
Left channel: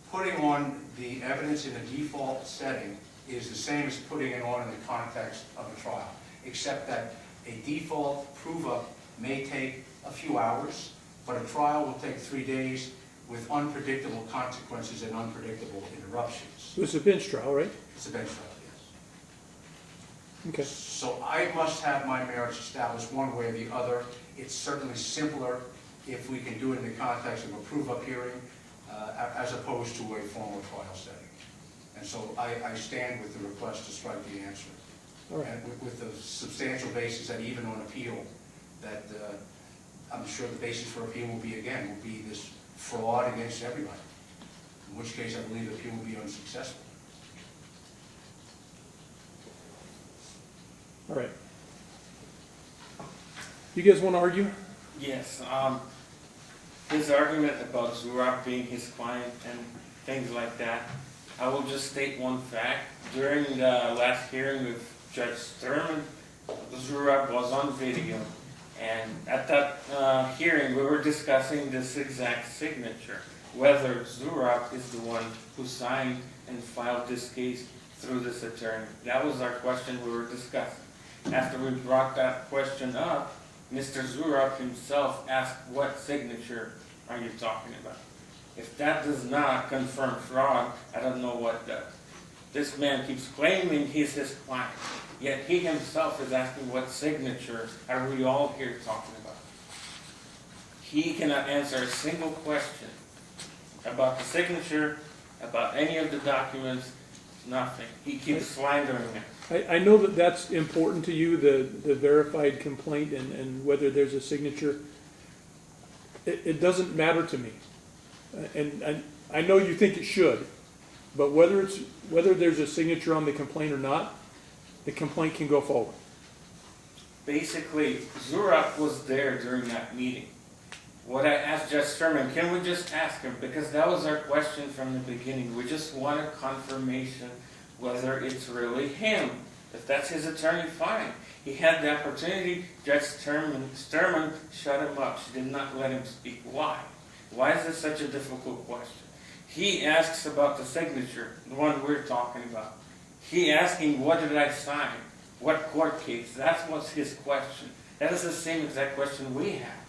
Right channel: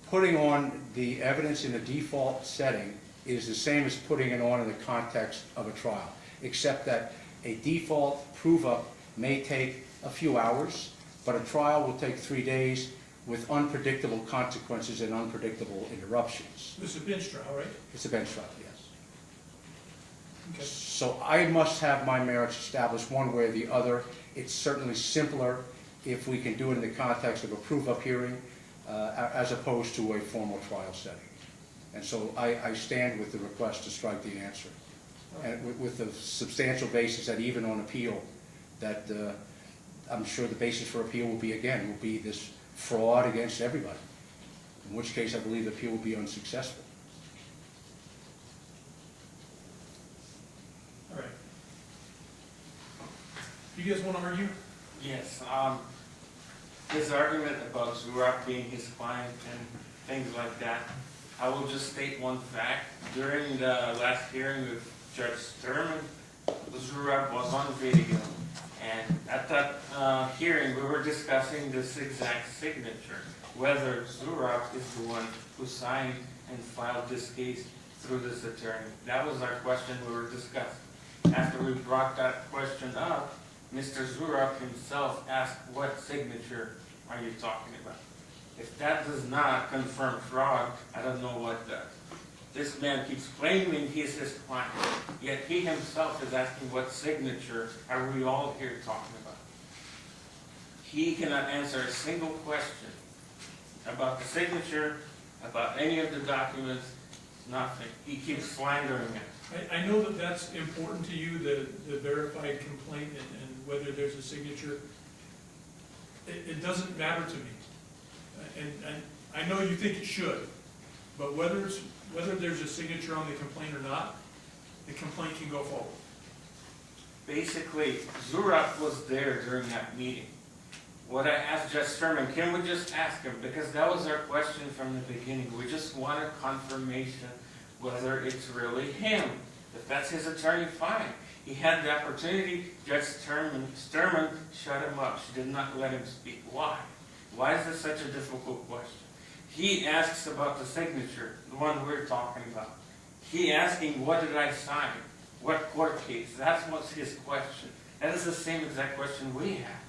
putting on the evidence in a default setting is the same as putting it on in the context of a trial, except that a default prove-up may take a few hours, but a trial will take 3 days with unpredictable consequences and unpredictable interruptions. It's a bench trial, right? It's a bench trial, yes. Okay. So I must have my merits established one way or the other. It's certainly simpler if we can do it in the context of a prove-up hearing as opposed to a formal trial setting. And so I stand with the request to strike the answer. All right. And with the substantial basis that even on appeal, that I'm sure the basis for appeal will be this fraud against everybody. In which case I believe the appeal will be unsuccessful. All right. You guys want to argue? Yes, his argument about Zurab being his client and things like that, I will just state one fact. During the last hearing with Judge Sturman, Zurab was on video, and at that hearing we were discussing this exact signature, whether Zurab is the one who signed and filed this case through this attorney. That was our question we were discussing. After we brought that question up, Mr. Zurab himself asked, what signature are you talking about? If that does not confirm fraud, I don't know what does. This man keeps claiming he's his client, yet he himself is asking what signature are we all here talking about. He cannot answer a single question about the signature, about any of the documents, nothing. He keeps slandering it. I know that that's important to you, the verified complaint and whether there's a signature. It doesn't matter to me. And I know you think it should, but whether there's a signature on the complaint or not, the complaint can go forward. Basically, Zurab was there during that meeting. What I asked Judge Sturman, can we just ask him? Because that was our question from the beginning. We just wanted confirmation whether it's really him. If that's his attorney, fine. He had the opportunity. Judge Sturman shut him up. She did not let him speak. Why? Why is this such a difficult question? He asks about the signature, the one we're talking about. He asking, what did I sign? What court case? That's what's his question. That is the same exact question we have.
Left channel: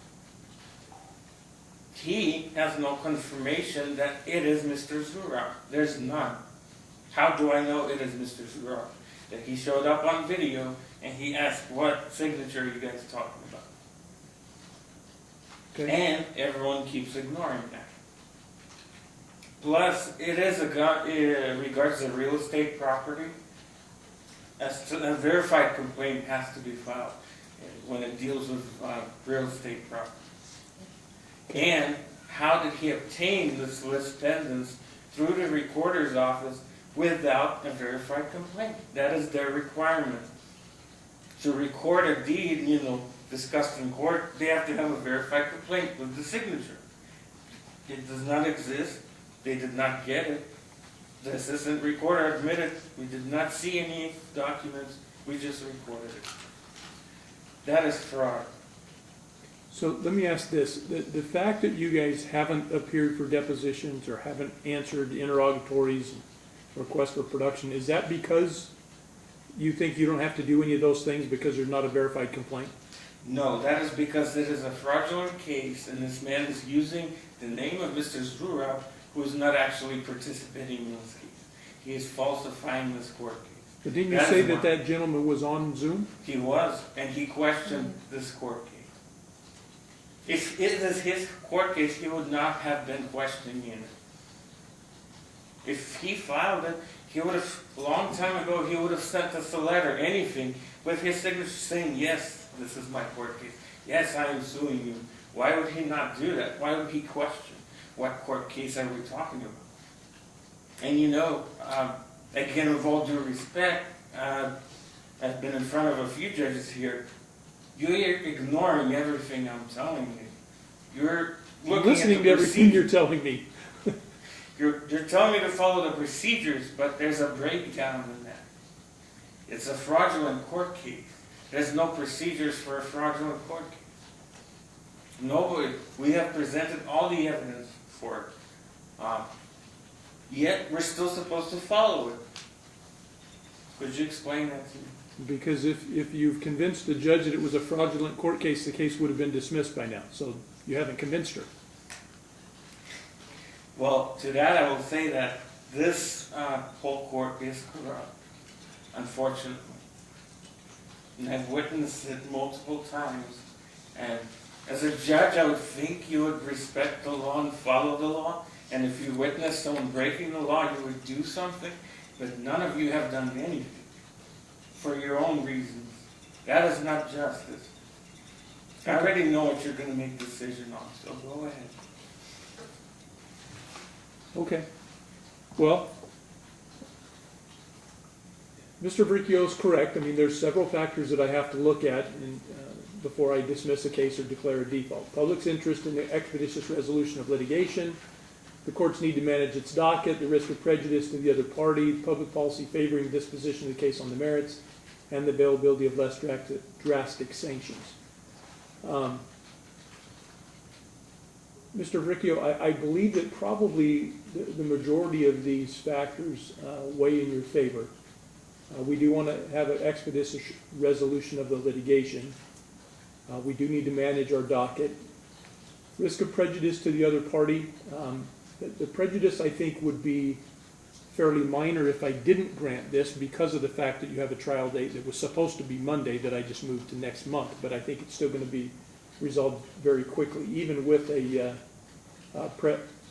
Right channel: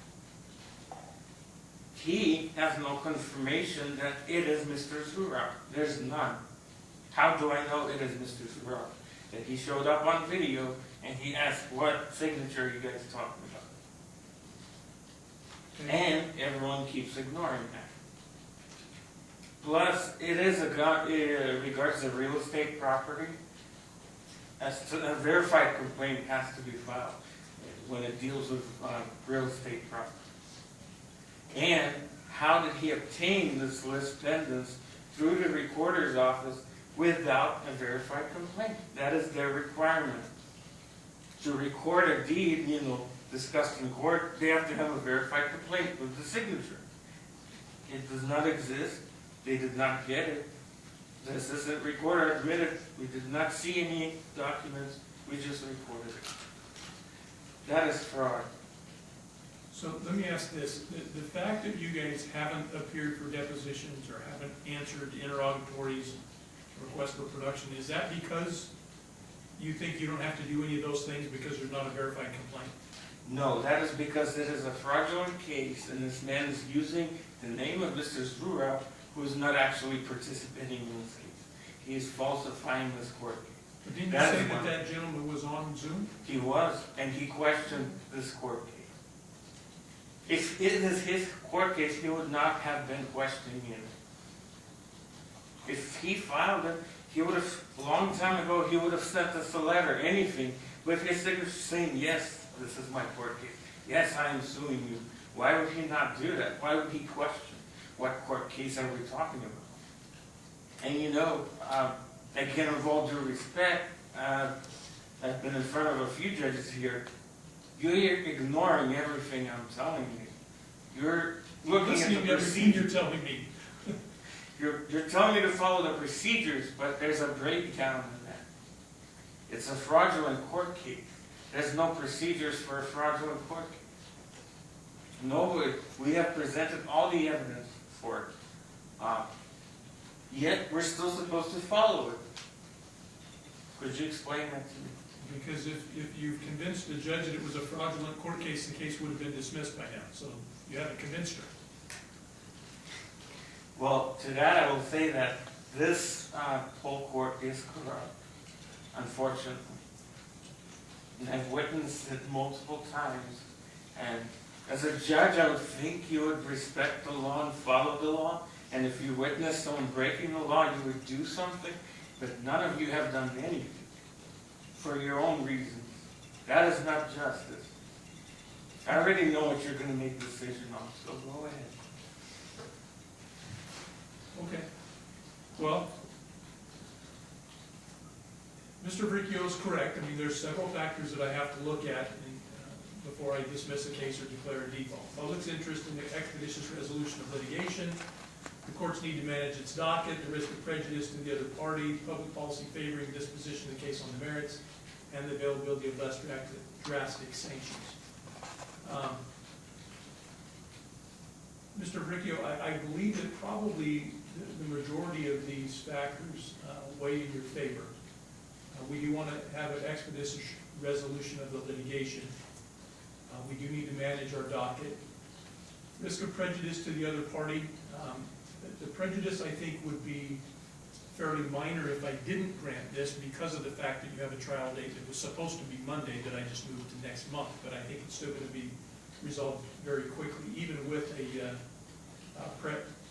He has no confirmation that it is Mr. Zurab. There's none. How do I know it is Mr. Zurab? That he showed up on video and he asked, what signature are you guys talking about? Okay. And everyone keeps ignoring that. Plus, it is regards to real estate property. A verified complaint has to be filed when it deals with real estate property. And how did he obtain this list pendants through the recorder's office without a verified complaint? That is their requirement. To record a deed, discussed in court, they have to have a verified complaint with the signature. It does not exist. They did not get it. The assistant recorder admitted we did not see any documents. We just recorded it. That is fraud. So let me ask this. The fact that you guys haven't appeared for depositions or haven't answered interrogatories, requests for production, is that because you think you don't have to do any of those things because there's not a verified complaint? No, that is because it is a fraudulent case and this man is using the name of Mr. Zurab, who is not actually participating in this case. He is falsifying this court case. But didn't you say that gentleman was on Zoom? He was, and he questioned this court case. If it is his court case, he would not have been questioning it. If he filed it, he would have, a long time ago, he would have sent us a letter, anything, with his signature saying, yes, this is my court case. Yes, I am suing you. Why would he not do that? Why would he question? What court case are we talking about? And again, with all due respect, I've been in front of a few judges here. You're ignoring everything I'm telling you. You're looking listening at to everything you're telling me. You're telling me to follow the procedures, but there's a breakdown in that. It's a fraudulent court case. There's no procedures for a fraudulent court case. Nobody. We have presented all the evidence for it. Yet we're still supposed to follow it. Could you explain that to me? Because if you've convinced the judge that it was a fraudulent court case, the case would have been dismissed by now. So you haven't convinced her. Well, to that I will say that this whole court is corrupt, unfortunately. And I've witnessed it multiple times. And as a judge, I would think you would respect the law and follow the law And if you witness someone breaking the law, you would do something, but none of you have done anything for your own reasons. That is not justice. I already know what you're gonna make a decision on, so go ahead. Okay. Well, Mr. Varricchio is correct. I mean, there's several factors that I have to look at before I dismiss a case or declare a default. Public's interest in the expeditious resolution of litigation, the courts need to manage its docket, the risk of prejudice to the other party, public policy favoring disposition of the case on the merits, and the availability of less drastic sanctions. Mr. Varricchio, I believe that probably the majority of these factors weigh in your favor. We do want to have an expeditious resolution of the litigation. We do need to manage our docket. Risk of prejudice to the other party. The prejudice, I think, would be fairly minor if I didn't grant this because of the fact that you have a trial date that was supposed to be Monday that I just moved to next month. But I think it's still going to be resolved very quickly, even with a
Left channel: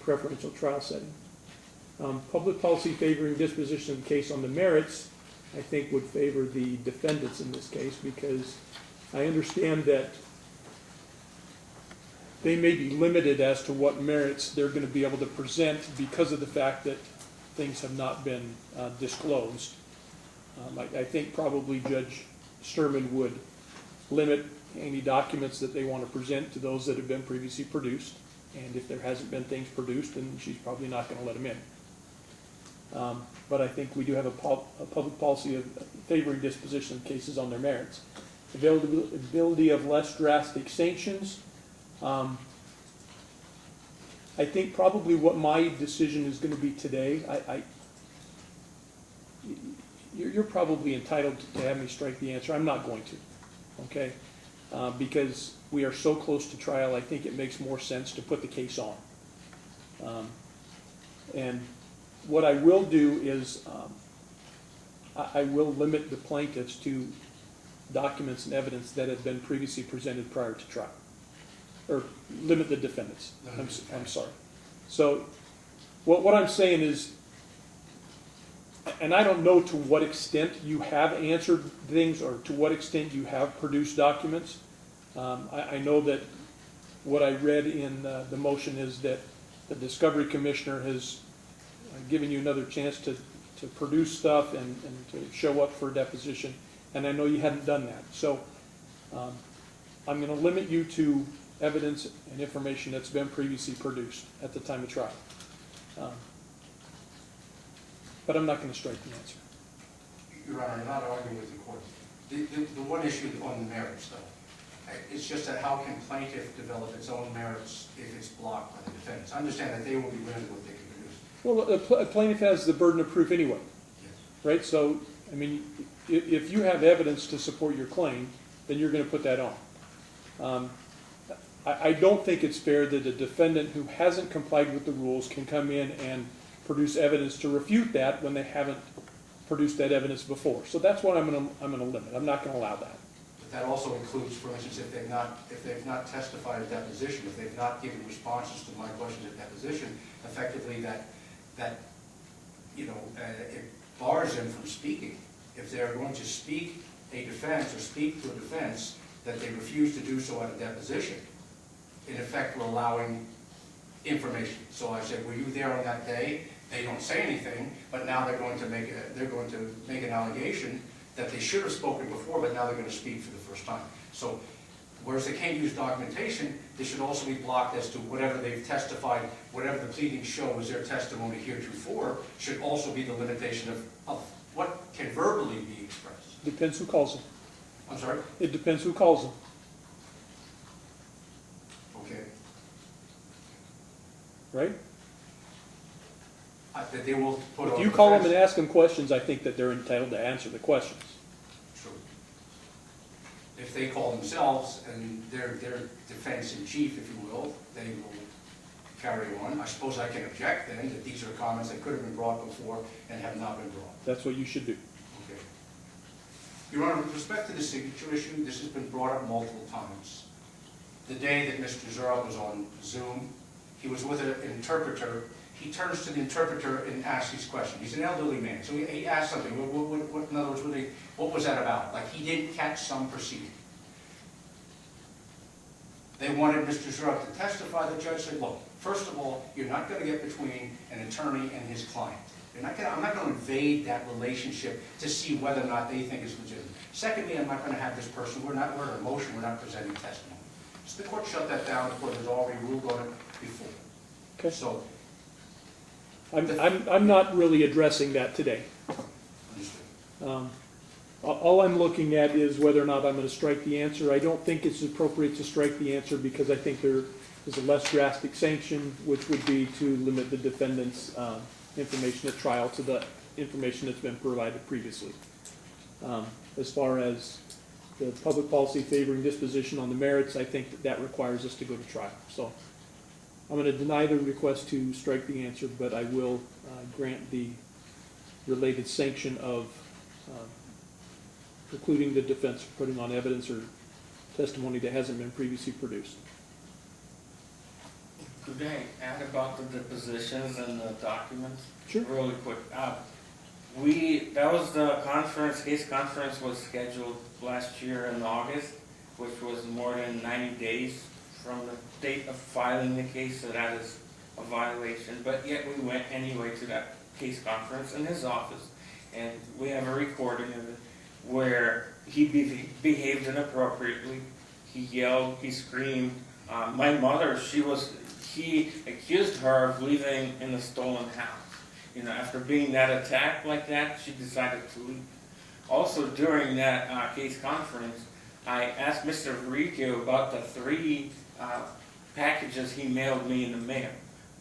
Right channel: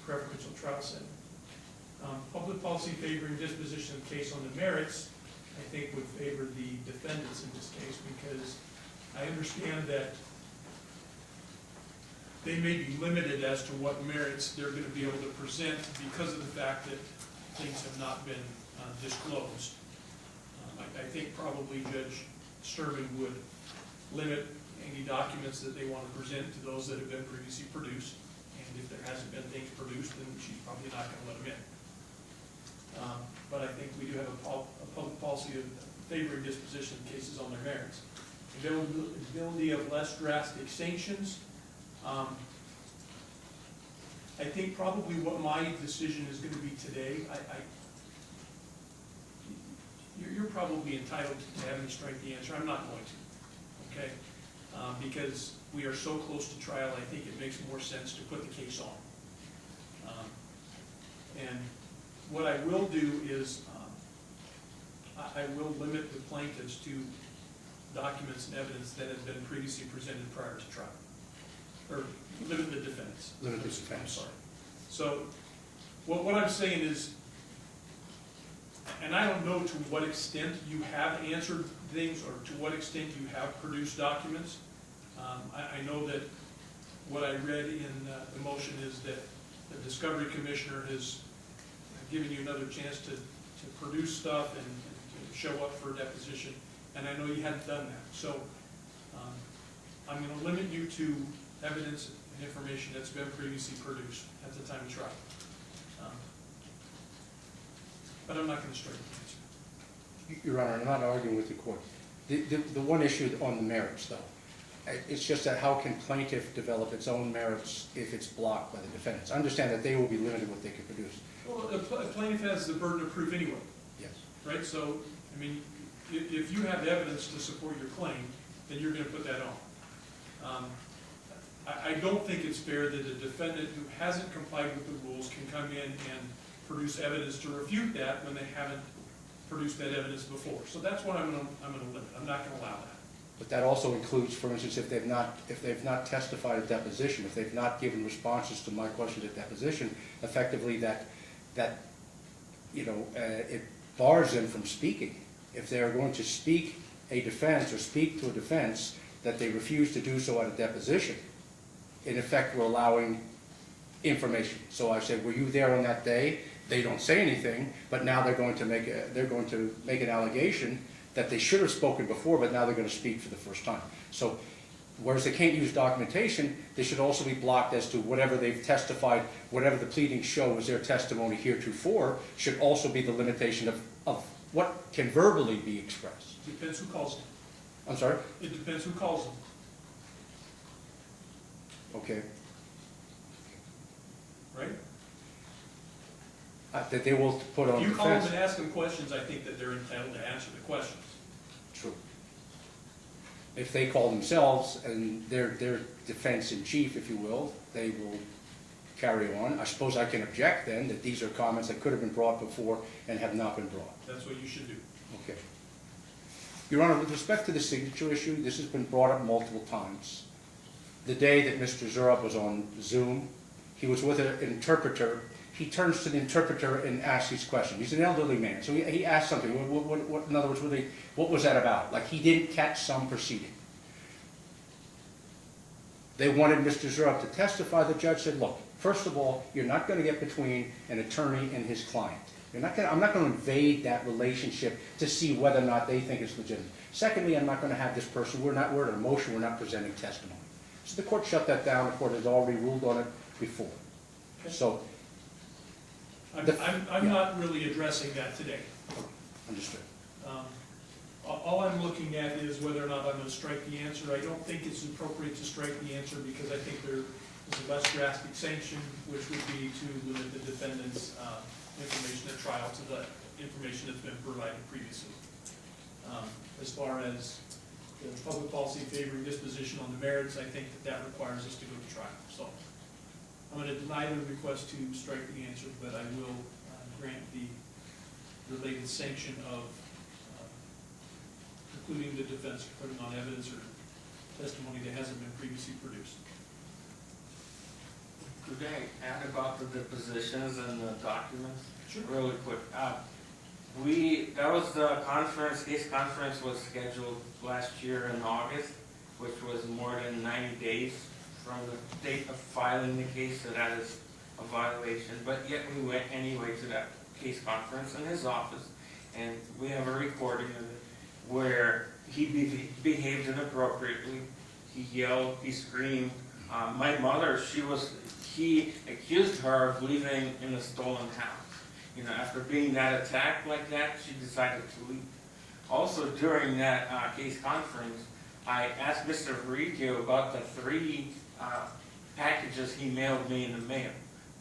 preferential trial setting. Public policy favoring disposition of the case on the merits, I think, would favor the defendants in this case, because I understand that they may be limited as to what merits they're going to be able to present because of the fact that things have not been disclosed. I think probably Judge Sturman would limit any documents that they want to present to those that have been previously produced. And if there hasn't been things produced, then she's probably not going to let them in. But I think we do have a public policy of favoring disposition of cases on their merits. Availability of less drastic sanctions. I think probably what my decision is going to be today, you're probably entitled to have me strike the answer. I'm not going to, okay? Because we are so close to trial, I think it makes more sense to put the case on. And what I will do is I will limit the plaintiffs to documents and evidence that have been previously presented prior to trial. Or limit the defendants. I'm sorry. So what I'm saying is, and I don't know to what extent you have answered things or to what extent you have produced documents. I know that what I read in the motion is that the Discovery Commissioner has given you another chance to produce stuff and to show up for a deposition, and I know you hadn't done that. So I'm going to limit you to evidence and information that's been previously produced at the time of trial. But I'm not going to strike the answer. Your Honor, I'm not arguing with the court. The one issue on the merits, though, it's just that how can plaintiff develop its own merits if it's blocked by the defendants? I understand that they will be limited what they can produce. Well, a plaintiff has the burden of proof anyway. Yes. Right? So, I mean, if you have evidence to support your claim, then you're going to put that on. I don't think it's fair that a defendant who hasn't complied with the rules can come in and produce evidence to refute that when they haven't produced that evidence before. So that's what I'm going to limit. I'm not going to allow that. But that also includes, for instance, if they've not testified at deposition, if they've not given responses to my questions at deposition, effectively that it bars them from speaking. If they're going to speak a defense or speak to a defense that they refuse to do so at a deposition, in effect, we're allowing information. So I said, were you there on that day? They don't say anything, but now they're going to make an allegation that they should have spoken before, but now they're going to speak for the first time. So, whereas they can't use documentation, they should also be blocked as to whatever they've testified, whatever the pleadings show was their testimony heretofore, should also be the limitation of what can verbally be expressed. Depends who calls them. I'm sorry? It depends who calls them. Okay. Right? That they will put on If you call them defense. and ask them questions, I think that they're entitled to answer the questions. True. If they call themselves and their defense in chief, if you will, they will carry on. I suppose I can object then that these are comments that could have been brought before and have not been brought. That's what you should do. Okay. Your Honor, with respect to the signature issue, this has been brought up multiple times. The day that Mr. Zurup was on Zoom, he was with an interpreter, he turns to the interpreter and asks his question. He's an elderly man, so he asked something. In other words, what was that about? Like he didn't catch some proceeding. They wanted Mr. Zurek to testify. The judge said, look, first of all, you're not going to get between an attorney and his client. I'm not going to invade that relationship to see whether or not they think it's legitimate. Secondly, I'm not going to have this person, we're in a motion, we're not presenting testimony. So the court shut that down. The court has already ruled on it before. Okay. So, I'm not really addressing that today. understood. All I'm looking at is whether or not I'm going to strike the answer. I don't think it's appropriate to strike the answer because I think there is a less drastic sanction, which would be to limit the defendant's information at trial to the information that's been provided previously. As far as the public policy favoring disposition on the merits, I think that requires us to go to trial. So I'm going to deny the request to strike the answer, but I will grant the related sanction of precluding the defense from putting on evidence or testimony that hasn't been previously produced. Could I add about the depositions and the documents? Sure. Really quick. That was the conference, case conference was scheduled last year in August, which was more than 90 days from the date of filing the case, so that is a violation. But yet we went anyway to that case conference in his office, and we have a recording of it where he behaved inappropriately. He yelled, he screamed. My mother, he accused her of leaving in a stolen house. You know, after being that attacked like that, she decided to leave. Also, during that case conference, I asked Mr. Varricchio about the 3 packages he mailed me in the mail.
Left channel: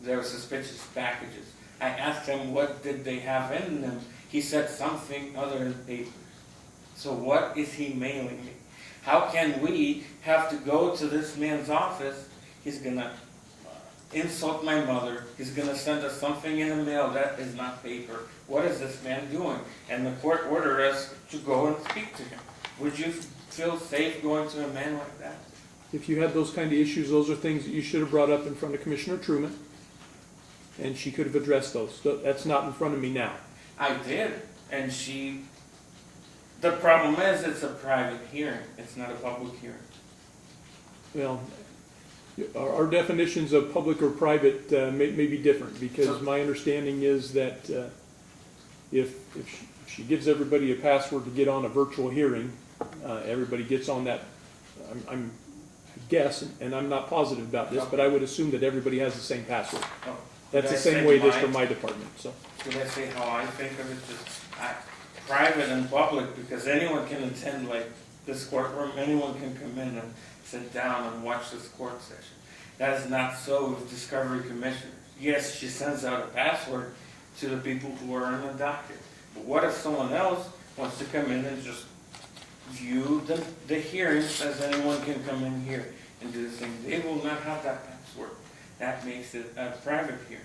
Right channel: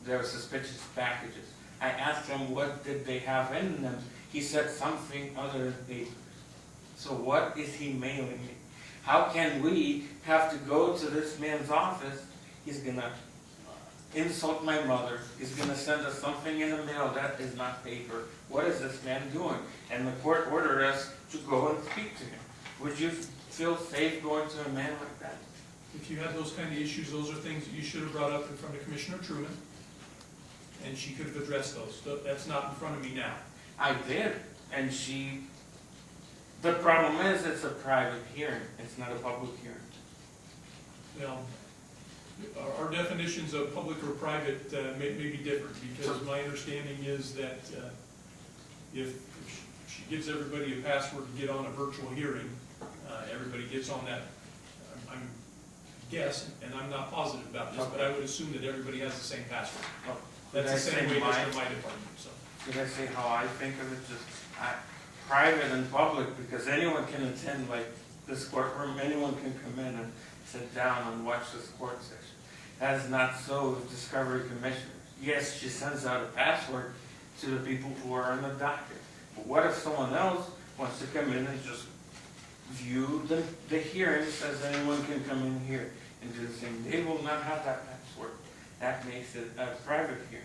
They were suspicious packages. I asked him what did they have in them. He said something other than paper. So what is he mailing me? How can we have to go to this man's office? He's going to insult my mother. He's going to send us something in the mail that is not paper. What is this man doing? And the court ordered us to go and speak to him. Would you feel safe going to a man like that? If you had those kind of issues, those are things that you should have brought up in front of Commissioner Truman, and she could have addressed those. So that's not in front of me now. I did, and the problem is it's a private hearing. It's not a public hearing. Well, our definitions of public or private may be different, because my understanding is that if she gives everybody a password to get on a virtual hearing, everybody gets on that. I guess, and I'm not positive about this, but I would assume that everybody has the same password. No. That's the same way it is for my department. So. Did I say how I think of it? Just private and public, because anyone can attend like this courtroom. Anyone can come in and sit down and watch this court session. That is not so with Discovery Commissioner. Yes, she sends out a password to the people who are in the docket. But what if someone else wants to come in and just view the hearings as anyone can come in here and do the same? They will not have that password. That makes it a private hearing.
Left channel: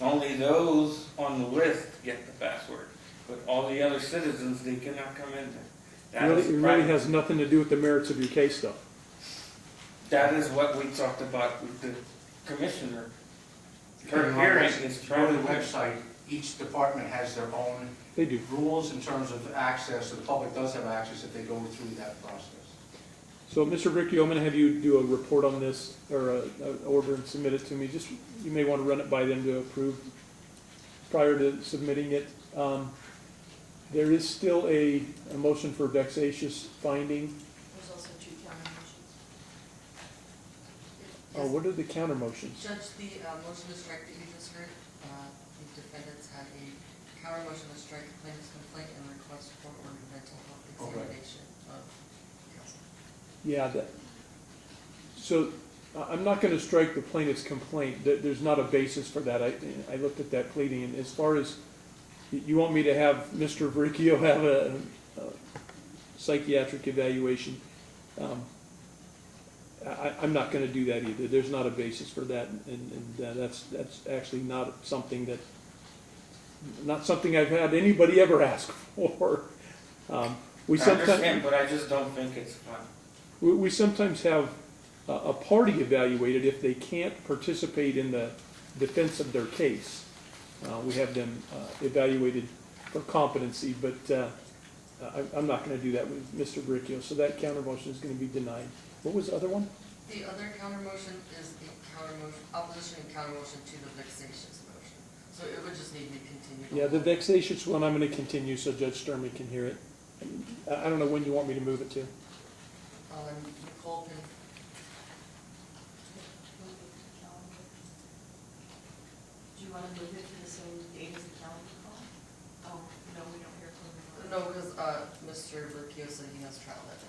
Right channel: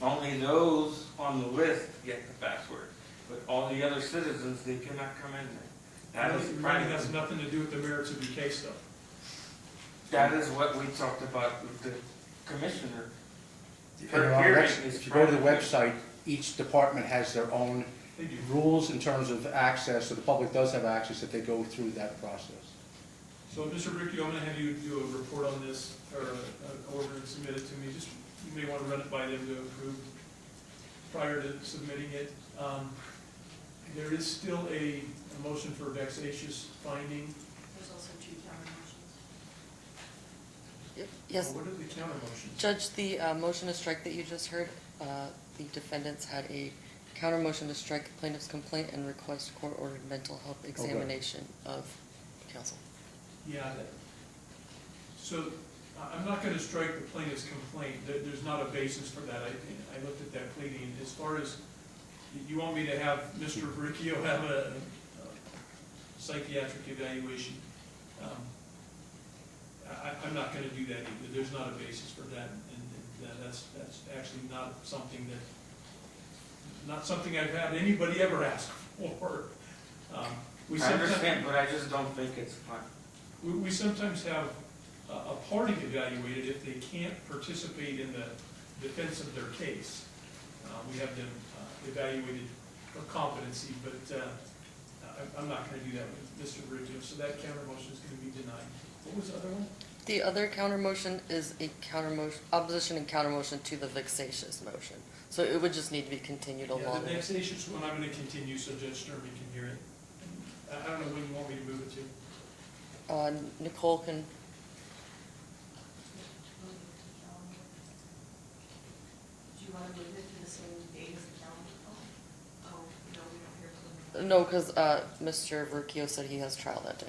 Only those on the list get the password. But all the other citizens, they cannot come in there. It really has nothing to do with the merits of your case, though. That is what we talked about with the commissioner. Her If hearing is you go to the private. website, each department has their own They do. rules in terms of access, so the public does have access if they go through that process. So, Mr. Varricchio, I'm going to have you do a report on this, or an order and submit it to me. Just, you may want to run it by them to approve prior to submitting it. There is still a motion for vexatious finding. There's also 2 counter motions. Yes, What are the counter motions? Judge, the motion to strike that you just heard, the defendants had a counter motion to strike the plaintiff's complaint and request court-ordered mental health examination of counsel. Yeah, so I'm not going to strike the plaintiff's complaint. There's not a basis for that. I looked at that pleading, and as far as, you want me to have Mr. Varricchio have a psychiatric evaluation, I'm not going to do that either. There's not a basis for that, and that's actually not something I've had anybody ever ask for. I understand, but I just don't think it's fun. We sometimes have a party evaluated if they can't participate in the defense of their case. We have them evaluated for competency, but I'm not going to do that with Mr. Varricchio, so that counter motion is going to be denied. What was the other one? The other counter motion is a counter motion, opposition and counter motion to the vexatious motion. So it would just need to be continued along. Yeah, the vexatious one, I'm going to continue so Judge Sturman can hear it. I don't know when you want me to move it to. Nicole can, Do you want to move it to the same date as the calendar call? Oh, no, we don't hear from them. no, because Mr. Varricchio said he has trial that day.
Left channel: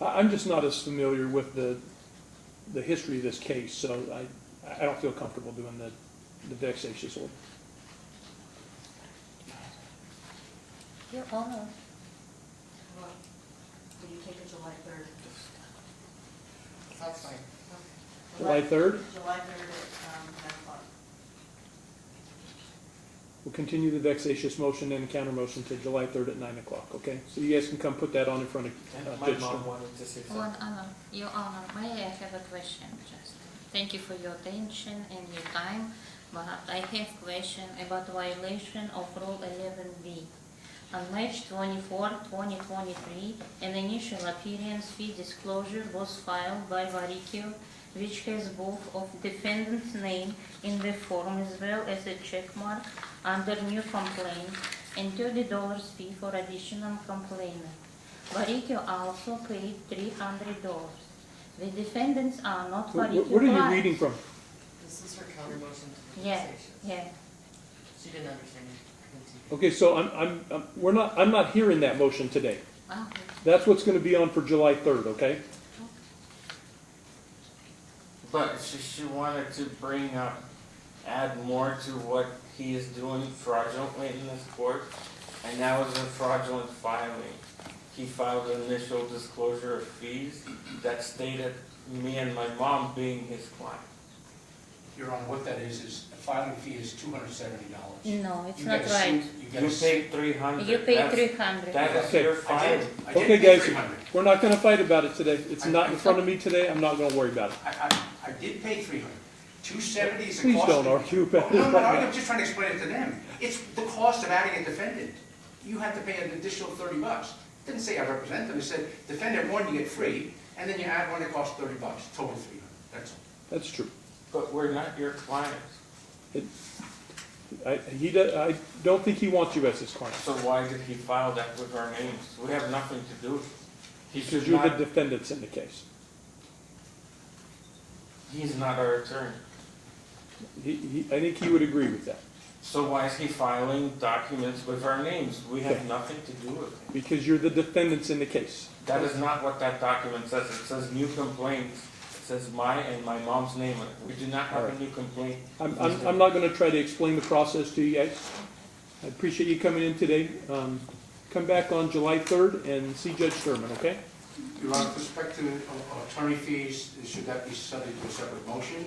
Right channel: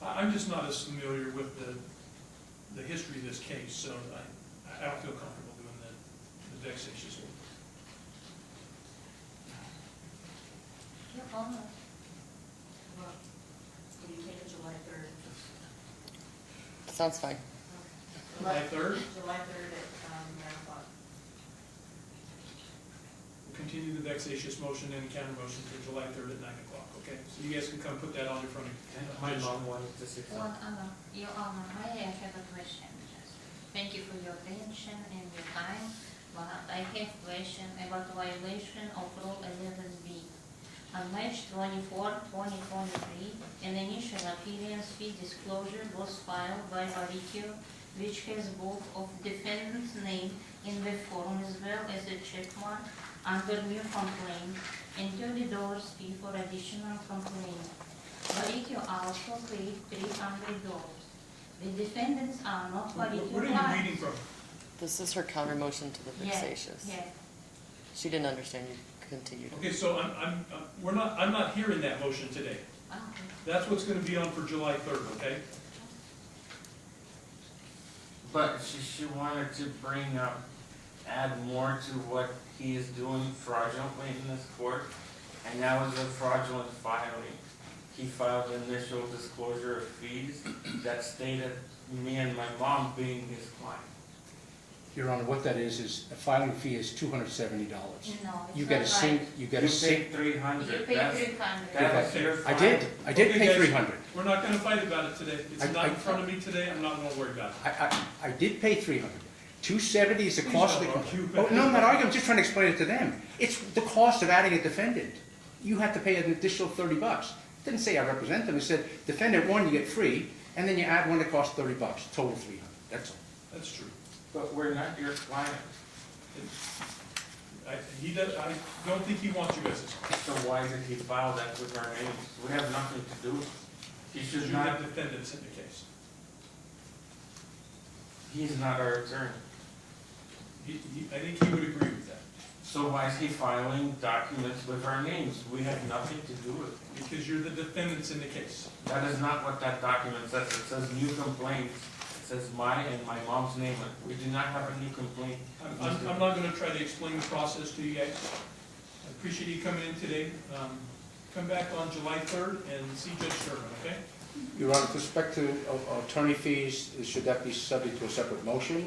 Oh, I'm just not as familiar with the history of this case, so I don't feel comfortable doing the vexatious one. Your Honor, well, will you take it July 3rd? Sounds fine. July 3rd? July 3rd at 9 o'clock. We'll continue the vexatious motion and counter motion to July 3rd at 9 o'clock, okay? So you guys can come put that on in front of My Judge mom Sturman. wanted to say Your something. Honor, Your Honor, may I have a question? Just thank you for your attention and your time, but I have question about violation of Rule 11B. On March 24, 2023, an initial appearance fee disclosure was filed by Varricchio, which has both of defendant's name in the form as well as a check mark under new complaint and $30 fee for additional complainant. Varricchio also paid $300. The defendants are not Varricchio What are you clients. reading from? This is her counter motion to the Yeah, vexatious. yeah. She didn't understand you. Continue. Okay, so I'm not hearing that motion today. Okay. That's what's gonna be on for July 3rd, okay? But she wanted to bring up, add more to what he is doing fraudulently in this court, and that was a fraudulent filing. He filed an initial disclosure of fees that stated me and my mom being his client. Your Honor, what that is a filing fee is $270. No, it's You not get a right. sync, you get You a sync. paid 300. You pay 300. That's Okay. your I fine. did Okay, pay guys. 300. We're not gonna fight about it today. It's I- not I- in front of me today. I'm not gonna worry about it. I did pay 300. 270 is the Please cost. don't argue about Oh, no, I'm not it. arguing, I'm just trying to explain it to them. It's the cost of adding a defendant. You have to pay an additional $30. It didn't say I represent them, it said defendant one, you get free, and then you add one that costs $30, total 300, that's all. That's true. But we're not your client. I don't think he wants you as his client. So why did he file that with our names? We have nothing to do with it. He Because should you're the not, defendants in the case. he's not our attorney. I think he would agree with that. So why is he filing documents with our names? We have nothing to do with it. Because you're the defendants in the case. That is not what that document says. It says new complaints. It says my and my mom's name. We do not have a new complaint. I'm not gonna try to explain the process to you guys. I appreciate you coming in today. Come back on July 3rd and see Judge Sturman, okay? Your Honor, with respect to attorney fees, should that be subject to a separate motion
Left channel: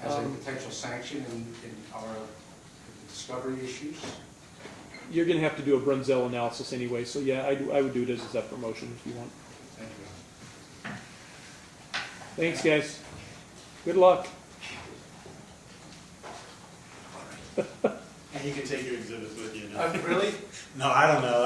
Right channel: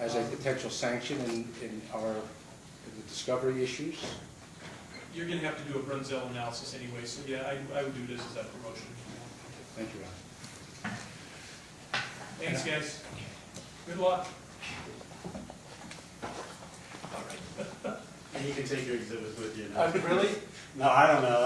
as a potential sanction in our discovery issues? You're gonna have to do a Brunzell analysis anyway, so yeah, I would do it as a separate motion if you want. Thank you, Your Honor. Thanks, guys. Good luck. And you can take your exhibits with you. Really? No, I don't know.